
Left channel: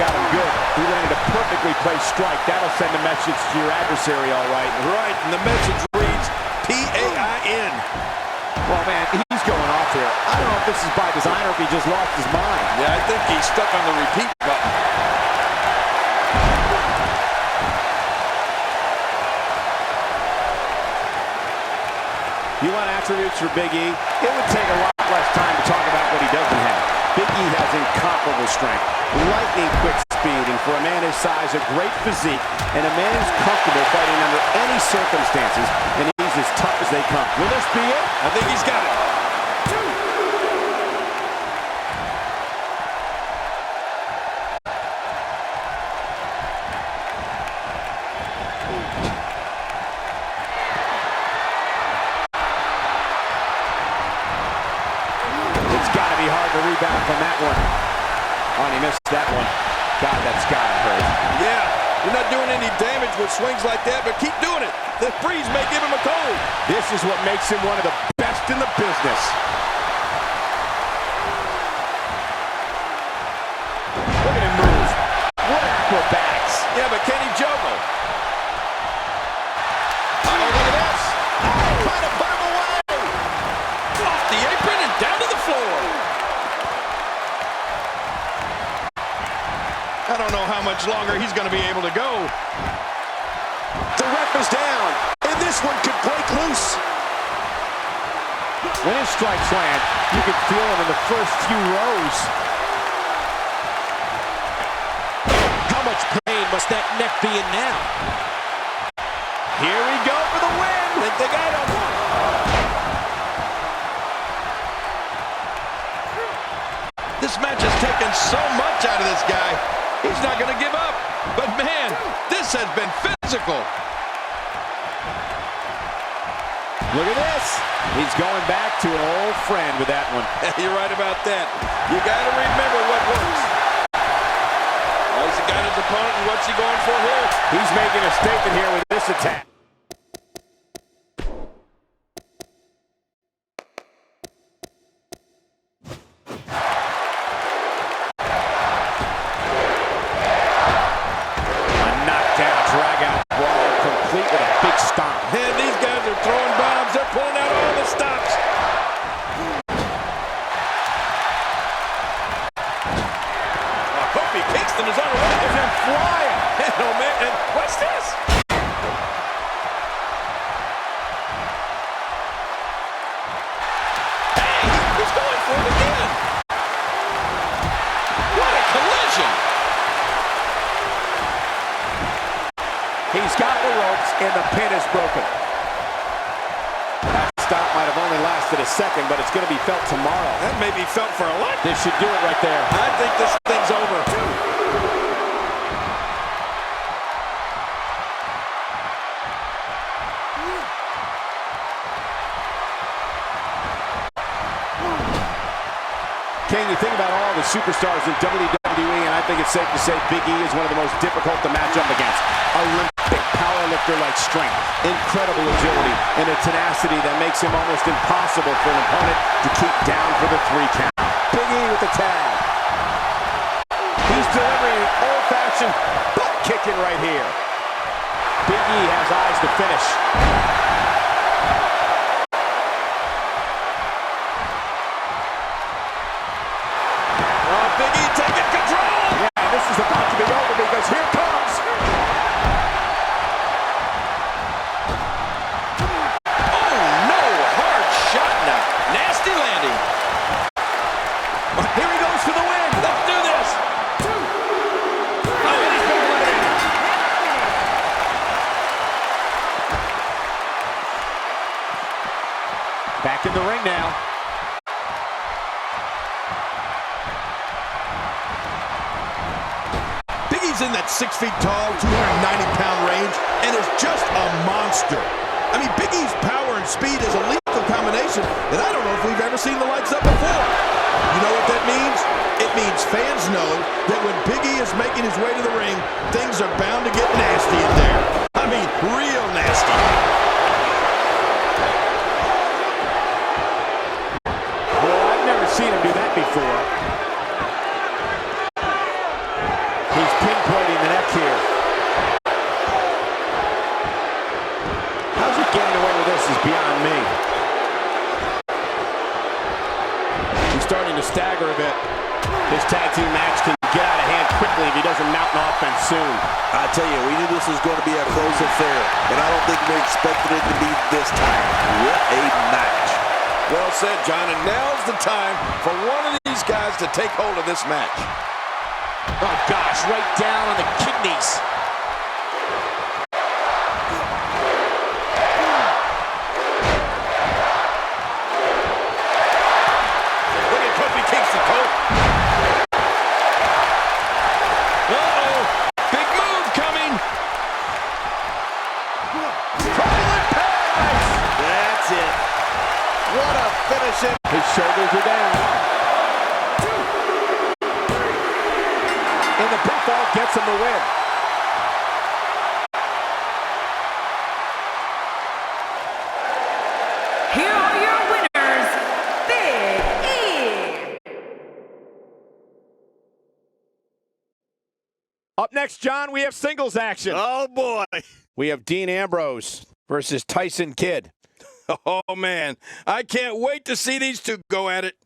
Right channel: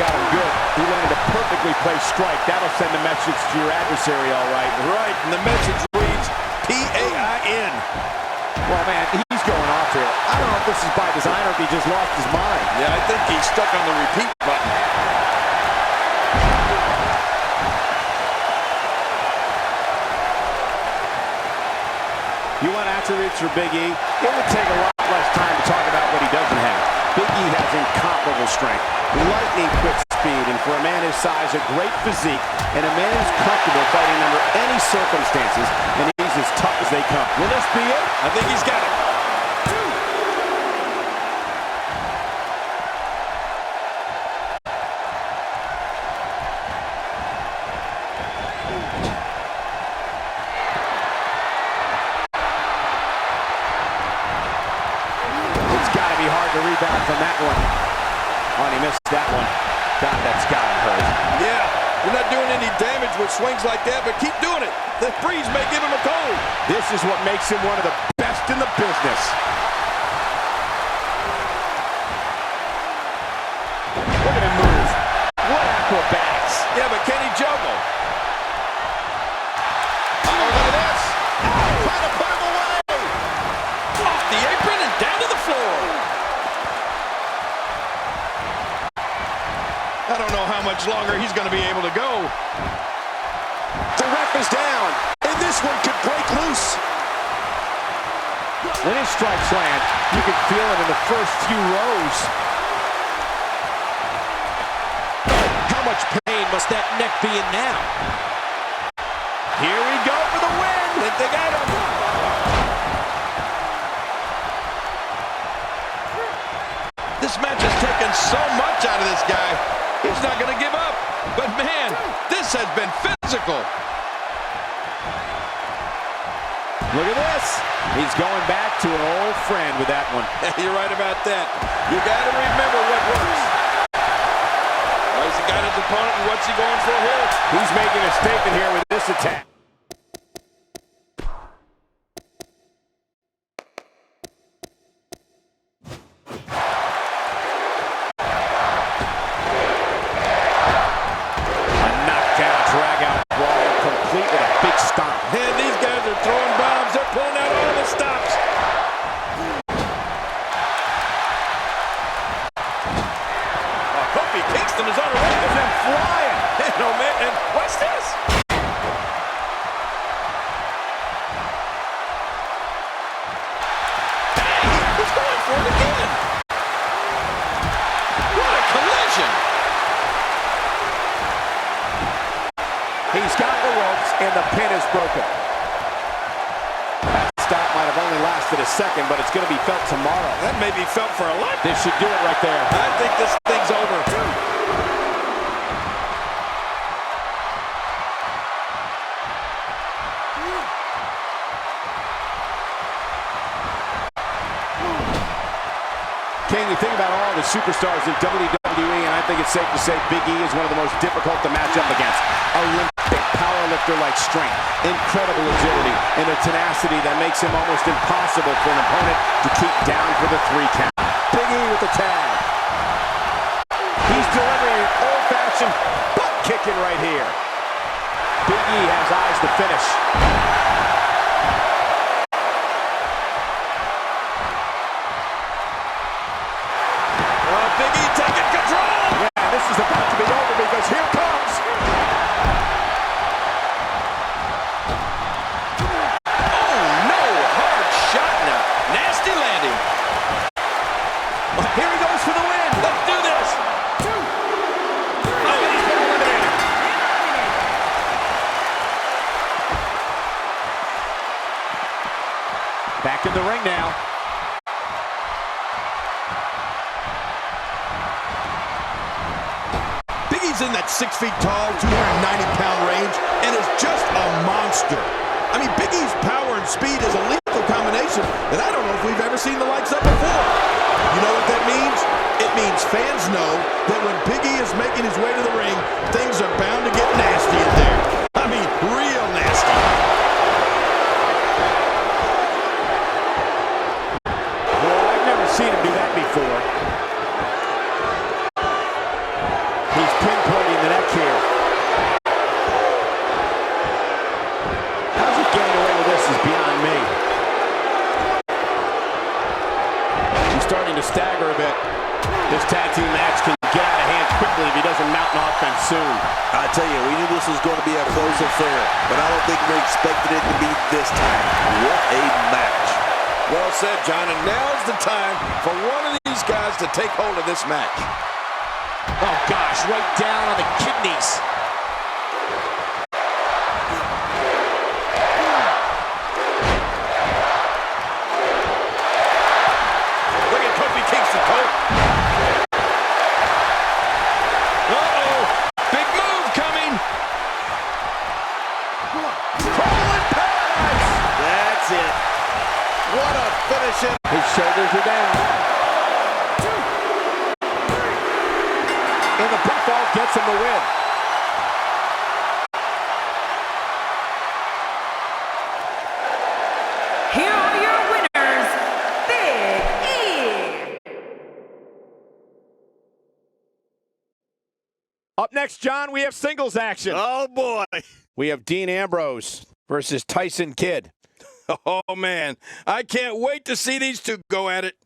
got him good. He landed a perfectly placed strike. That'll send a message to your adversary, all right. Right, and the message reads P-A-I-N. Well, man, he's going off here. I don't know if this is by design or if he just lost his mind. Yeah, I think he's stuck on the repeat button. You want attributes for Big E? It would take a lot less time to talk about what he doesn't have. Big E has incomparable strength, lightning quick speed, and for a man his size, a great physique, and a man who's comfortable fighting under any circumstances, and he's as tough as they come. Will this be it? I think he's got it. It's got to be hard to rebound from that one. Oh, and he missed that one. God, that's got to hurt. Yeah, you're not doing any damage with swings like that, but keep doing it. The breeze may give him a cold. This is what makes him one of the best in the business. Look at him move. What acrobatics. Yeah, but can he juggle? Uh-oh, look at this. Trying to put him away. Off the apron and down to the floor. I don't know how much longer he's going to be able to go. The ref is down, and this one could break loose. When his strikes land, you can feel it in the first few rows. How much pain must that neck be in now? Here we go for the win. Think they got him. This match has taken so much out of this guy. He's not going to give up. But man, this has been physical. Look at this. He's going back to an old friend with that one. You're right about that. You got to remember what works. Well, he's got his opponent, and what's he going for here? He's making a statement here with this attack. Drag-out brawl complete with a big stomp. And these guys are throwing bombs. They're pulling out all the stops. Oh, Kofi Kingston is on the way. Is him flying. And oh man, and what's this? Hey, he's going for it again. What a collision. He's got the ropes, and the pin is broken. That stop might have only lasted a second, but it's going to be felt tomorrow. That may be felt for a lot. This should do it right there. I think this thing's over. King, you think about all the superstars in WWE, and I think it's safe to say Big E is one of the most difficult to match up against. Olympic powerlifter-like strength, incredible agility, and a tenacity that makes him almost impossible for an opponent to keep down for the 3 count. Big E with the tag. He's delivering an old-fashioned butt kicking right here. Big E has eyes to finish. Big E taking control. Yeah, this is about to be over because here comes. Oh, no. Hard shot now. Nasty landing. Here he goes for the win. Let's do this. Oh, and he's been eliminated. Back in the ring now. He's in that 6 feet tall, 290-pound range, and is just a monster. I mean, Big E's power and speed is a lethal combination that I don't know if we've ever seen the likes of before. You know what that means? It means fans know that when Big E is making his way to the ring, things are bound to get nasty in there. I mean, real nasty. Well, I've never seen him do that before. is beyond me. He's starting to stagger a bit. This tag team match can get out of hand quickly if he doesn't mount an offense soon. I tell you, we knew this was going to be a close affair, but I don't think we expected it to be this time. What a match. Well said, John, and now's the time for one of these guys to take hold of this match. Oh, gosh, right down on the kidneys. Look at Kofi Kingston, Cole. Uh-oh, big move coming. Trouble in paradise. That's it. What a finish. His shoulders are down. And the pinfall gets him the win. Here are your winners, Big E. Up next, John, we have singles action. Oh, boy. We have Dean Ambrose versus Tyson Kidd. Oh, man, I can't wait to see these two go at it.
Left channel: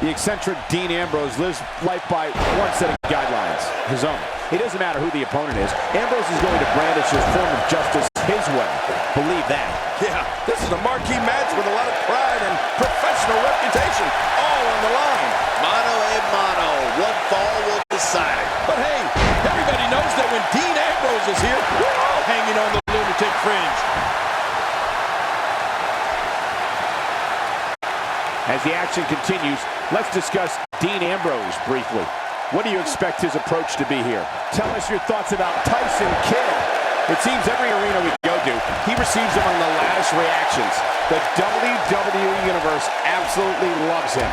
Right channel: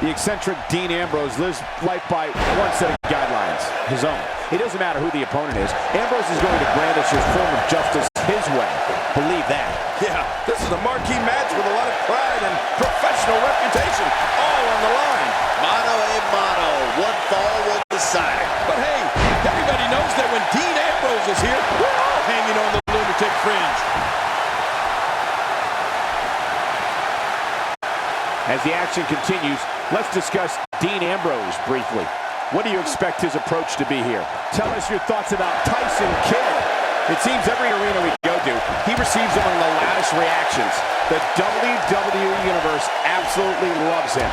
The eccentric Dean Ambrose lives life by one set of guidelines, his own. It doesn't matter who the opponent is. Ambrose is going to brandish his form of justice his way. Believe that. Yeah, this is a marquee match with a lot of pride and professional reputation all on the line. Mano a mano. One fall will decide it. But hey, everybody knows that when Dean Ambrose is here, we're all hanging on the lunatic fringe. As the action continues, let's discuss Dean Ambrose briefly. What do you expect his approach to be here? Tell us your thoughts about Tyson Kidd. It seems every arena we go to, he receives among the loudest reactions. The WWE Universe absolutely loves him.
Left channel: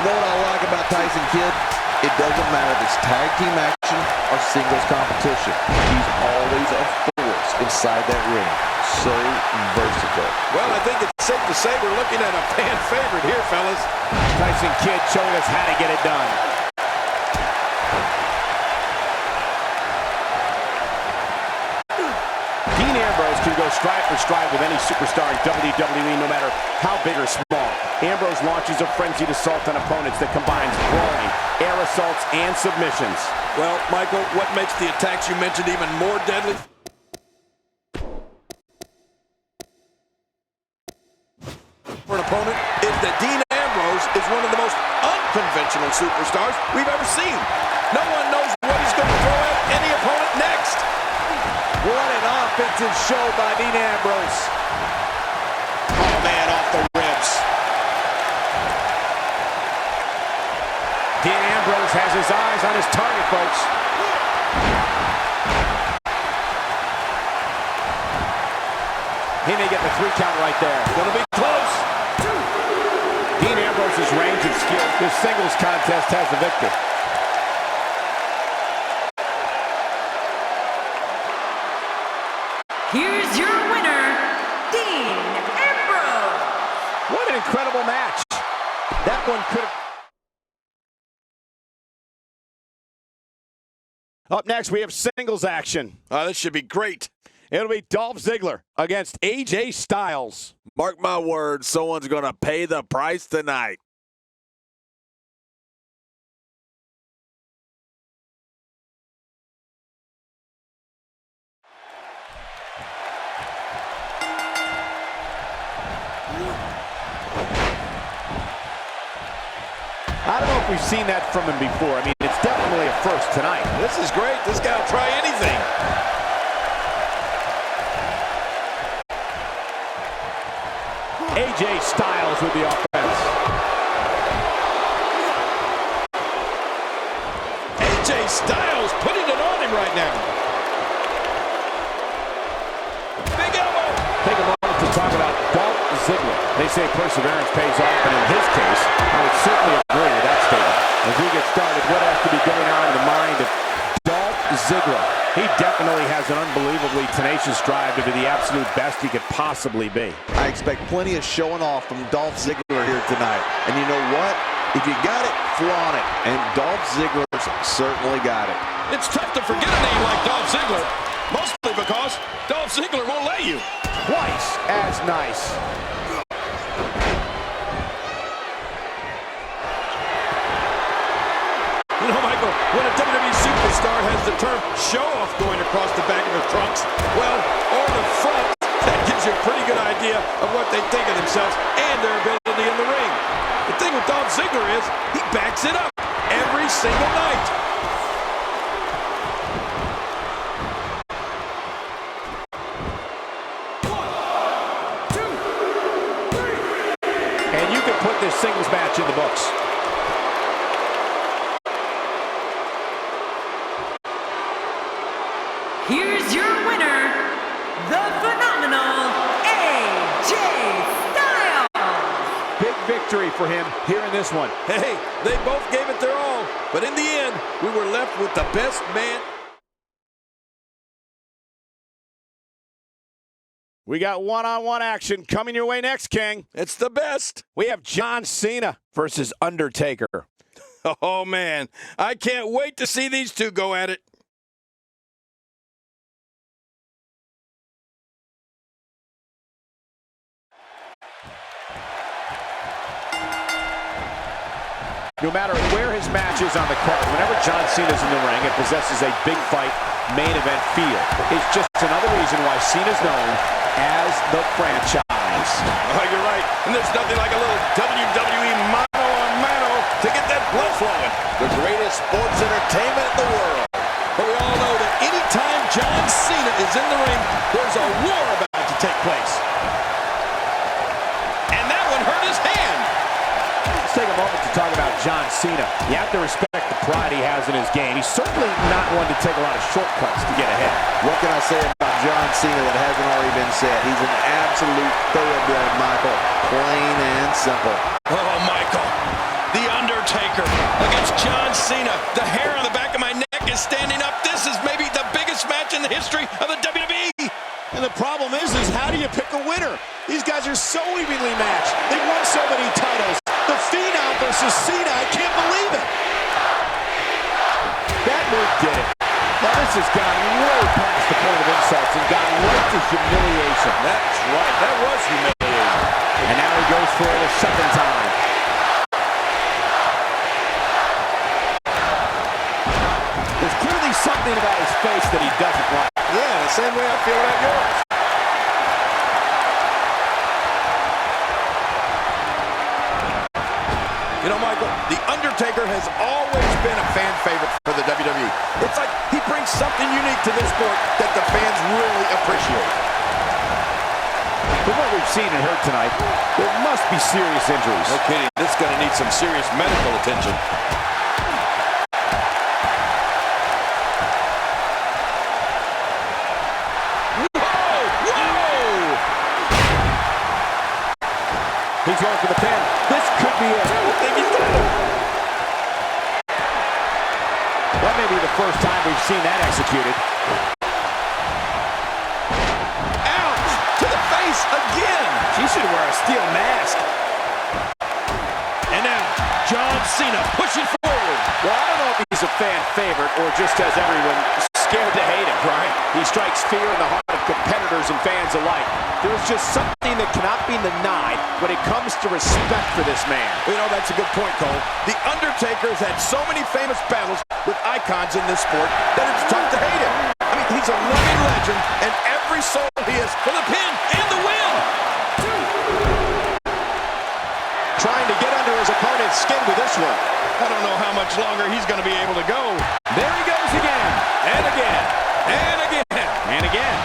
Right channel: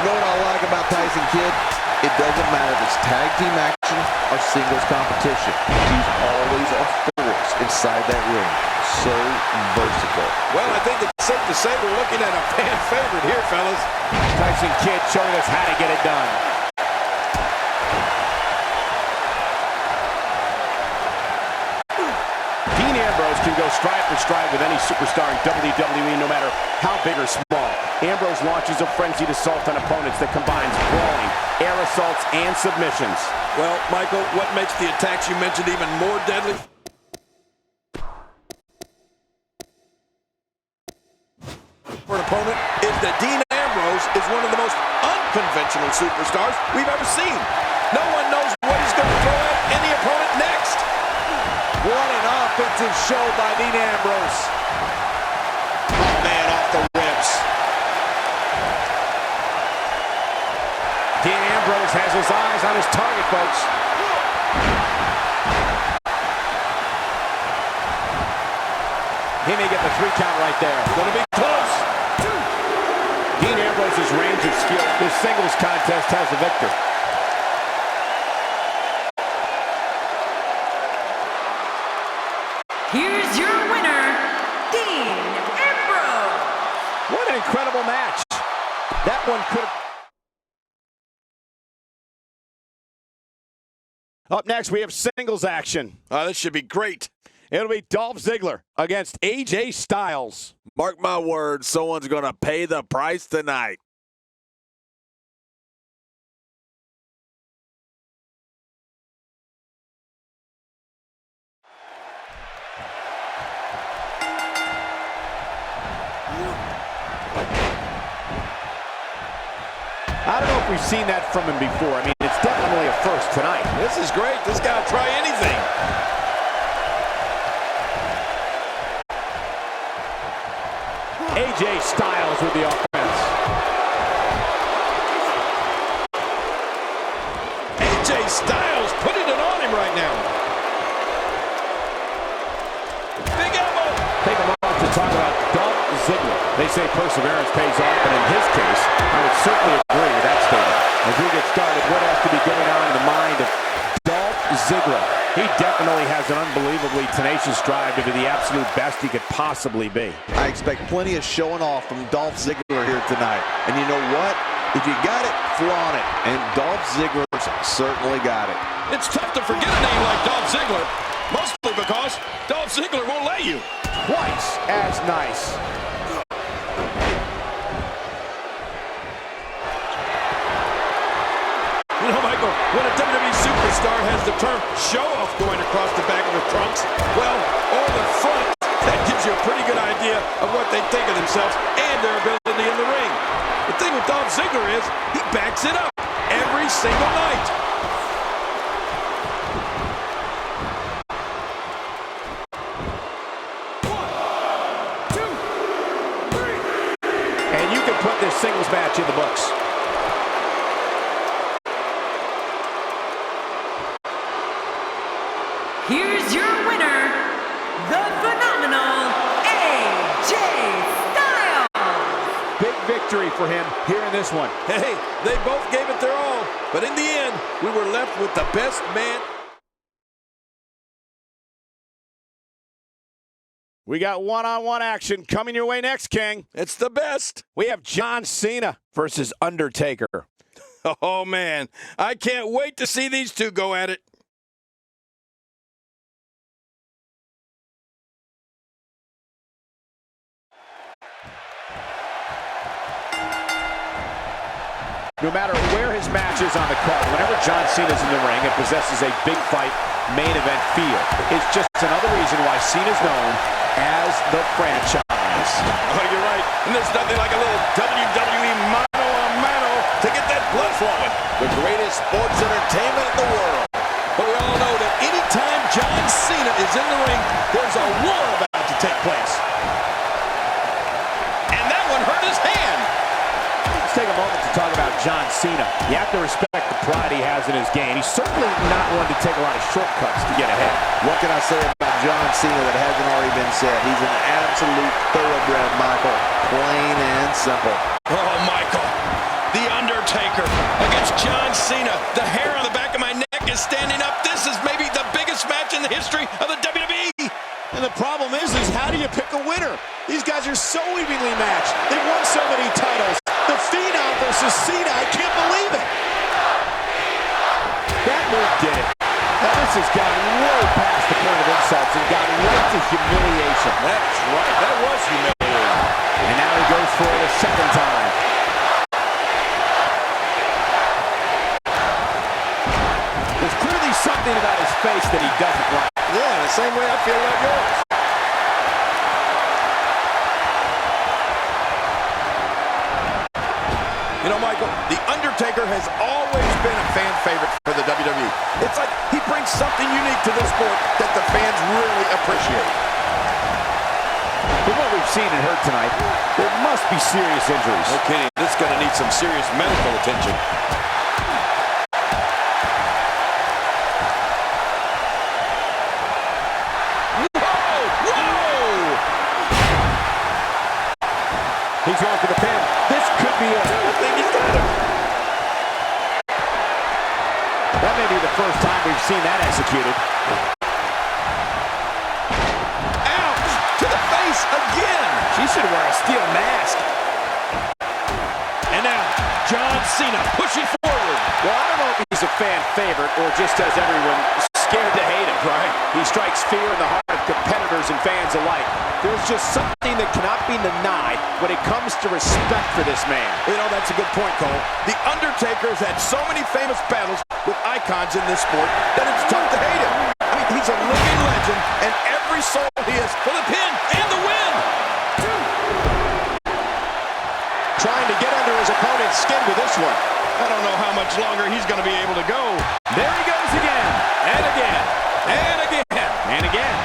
You know what I like about Tyson Kidd? It doesn't matter if it's tag team action or singles competition. He's always a force inside that ring. So versatile. Well, I think it's safe to say we're looking at a fan favorite here, fellas. Tyson Kidd showing us how to get it done. Dean Ambrose can go stride for stride with any superstar in WWE, no matter how big or small. Ambrose launches a frenzied assault on opponents that combines brawling, air assaults, and submissions. Well, Michael, what makes the attacks you mentioned even more deadly? For an opponent is that Dean Ambrose is one of the most unconventional superstars we've ever seen. No one knows what he's going to throw at any opponent next. What an offensive show by Dean Ambrose. Oh, man, off the ribs. Dean Ambrose has his eyes on his target, folks. He may get the 3 count right there. Gonna be close. Dean Ambrose's range of skill, this singles contest has the victor. Here's your winner, Dean Ambrose. What an incredible match. That one could have... Up next, we have singles action. This should be great. It'll be Dolph Ziggler against AJ Styles. Mark my words, someone's going to pay the price tonight. I don't know if we've seen that from him before. I mean, it's definitely a first tonight. This is great. This guy will try anything. AJ Styles with the offense. AJ Styles putting it on him right now. Big elbow. Take a moment to talk about Dolph Ziggler. They say perseverance pays off, and in his case, I would certainly agree with that statement. As we get started, what has to be going on in the mind of Dolph Ziggler. He definitely has an unbelievably tenacious drive to be the absolute best he could possibly be. I expect plenty of showing off from Dolph Ziggler here tonight. And you know what? If you got it, flaunt it. And Dolph Ziggler's certainly got it. It's tough to forget a name like Dolph Ziggler, mostly because Dolph Ziggler won't let you. Twice as nice. You know, Michael, when a WWE superstar has the term show-off going across the back of their trunks, well, or the front, that gives you a pretty good idea of what they think of themselves and their ability in the ring. The thing with Dolph Ziggler is he backs it up every single night. And you can put this singles match in the books. Here's your winner, the phenomenal AJ Styles. Big victory for him here in this one. Hey, they both gave it their all, but in the end, we were left with the best man. We got one-on-one action coming your way next, King. It's the best. We have John Cena versus Undertaker. Oh, man, I can't wait to see these two go at it. No matter where his match is on the card, whenever John Cena's in the ring, it possesses a big fight main event feel. It's just another reason why Cena's known as the franchise. Oh, you're right. And there's nothing like a little WWE mano-a-mano to get that blood flowing. The greatest sports entertainment in the world. But we all know that anytime John Cena is in the ring, there's a war about to take place. And that one hurt his hand. Let's take a moment to talk about John Cena. You have to respect the pride he has in his game. He's certainly not one to take a lot of shortcuts to get ahead. What can I say about John Cena that hasn't already been said? He's an absolute thoroughbred, Michael. Plain and simple. Oh, Michael. The Undertaker against John Cena. The hair on the back of my neck is standing up. This is maybe the biggest match in the history of the WWE. And the problem is how do you pick a winner? These guys are so evenly matched. They've won so many titles. The Phenom versus Cena, I can't believe it. That move did it. Now this has gone way past the point of insults and gone right to humiliation. That's right. That was humiliating. And now he goes for it a second time. There's clearly something about his face that he doesn't like. Yeah, the same way I feel about yours. You know, Michael, The Undertaker has always been a fan favorite for the WWE. It's like he brings something unique to this sport that the fans really appreciate. From what we've seen and heard tonight, there must be serious injuries. No kidding. This is going to need some serious medical attention. He's going for the pin. This could be it. I think he's got him. That may be the first time we've seen that executed. Ouch! To the face again. She should wear a steel mask. And now, John Cena pushing forward. Well, I don't know if he's a fan favorite or just has everyone scared to hate him, right? He strikes fear in the heart of competitors and fans alike. There's just something that cannot be denied when it comes to respect for this man. Well, you know, that's a good point, Cole. The Undertaker's had so many famous battles with icons in this sport that it's tough to hate him. I mean, he's a living legend, and every soul he is for the pin and the win. Trying to get under his opponent's skin with this one. I don't know how much longer he's going to be able to go. There he goes again, and again, And again. and again.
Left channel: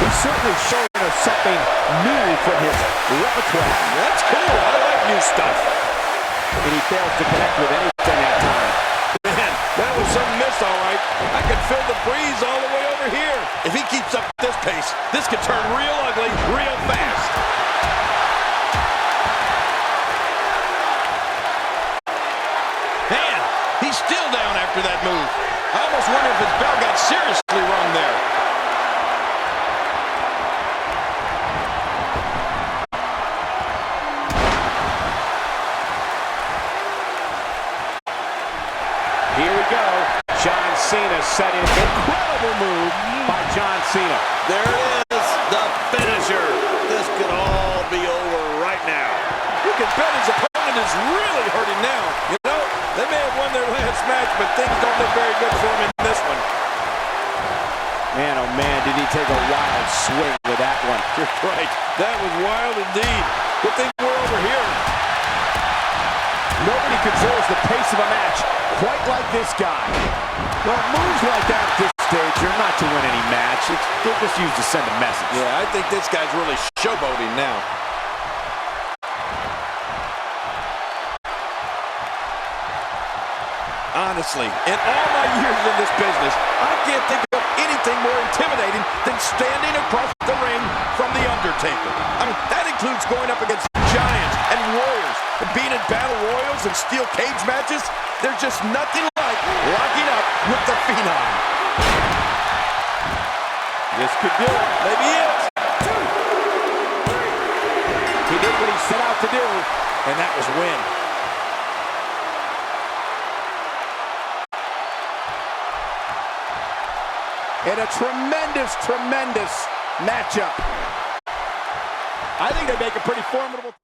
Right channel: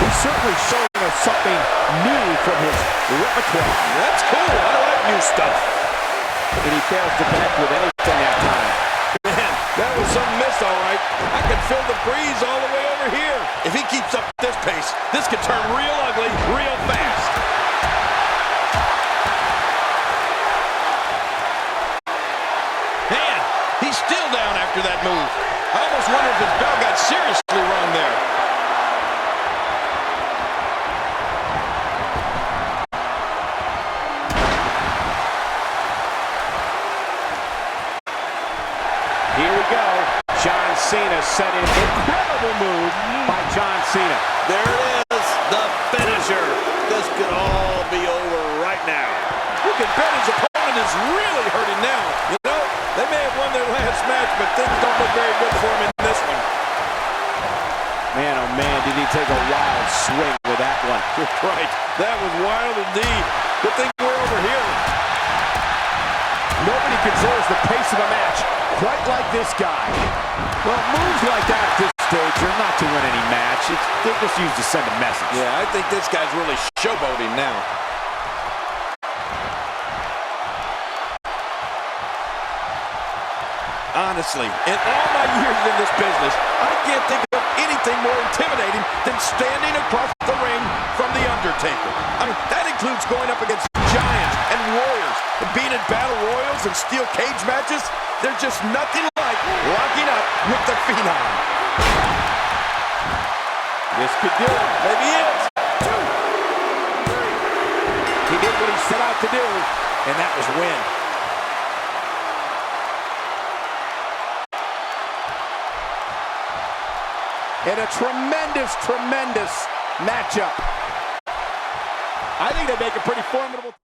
He's certainly showing us something new from his repertoire. That's cool. I like new stuff. And he fails to connect with anything that time. Man, that was some miss, all right. I could feel the breeze all the way over here. If he keeps up this pace, this could turn real ugly real fast. after that move. I almost wonder if his bell got seriously wrong there. Here we go. John Cena set in. Incredible move by John Cena. There it is, the finisher. This could all be over right now. You can bet his opponent is really hurting now. You know, they may have won their last match, but things don't look very good for him in this one. Man, oh man, did he take a wild swing with that one. You're right. That was wild indeed. Good thing we're over here. Nobody controls the pace of a match quite like this guy. Well, moves like that at this stage are not to win any match. They're just used to send a message. Yeah, I think this guy's really showboating now. Honestly, in all my years in this business, I can't think of anything more intimidating than standing across the ring from The Undertaker. I mean, that includes going up against giants and warriors, and being in battle royals and steel cage matches. There's just nothing like locking up with the Phenom. This could do it. Maybe it. 2, 3. He did what he set out to do, and that was win. And a tremendous, tremendous matchup. I think they make a pretty formidable...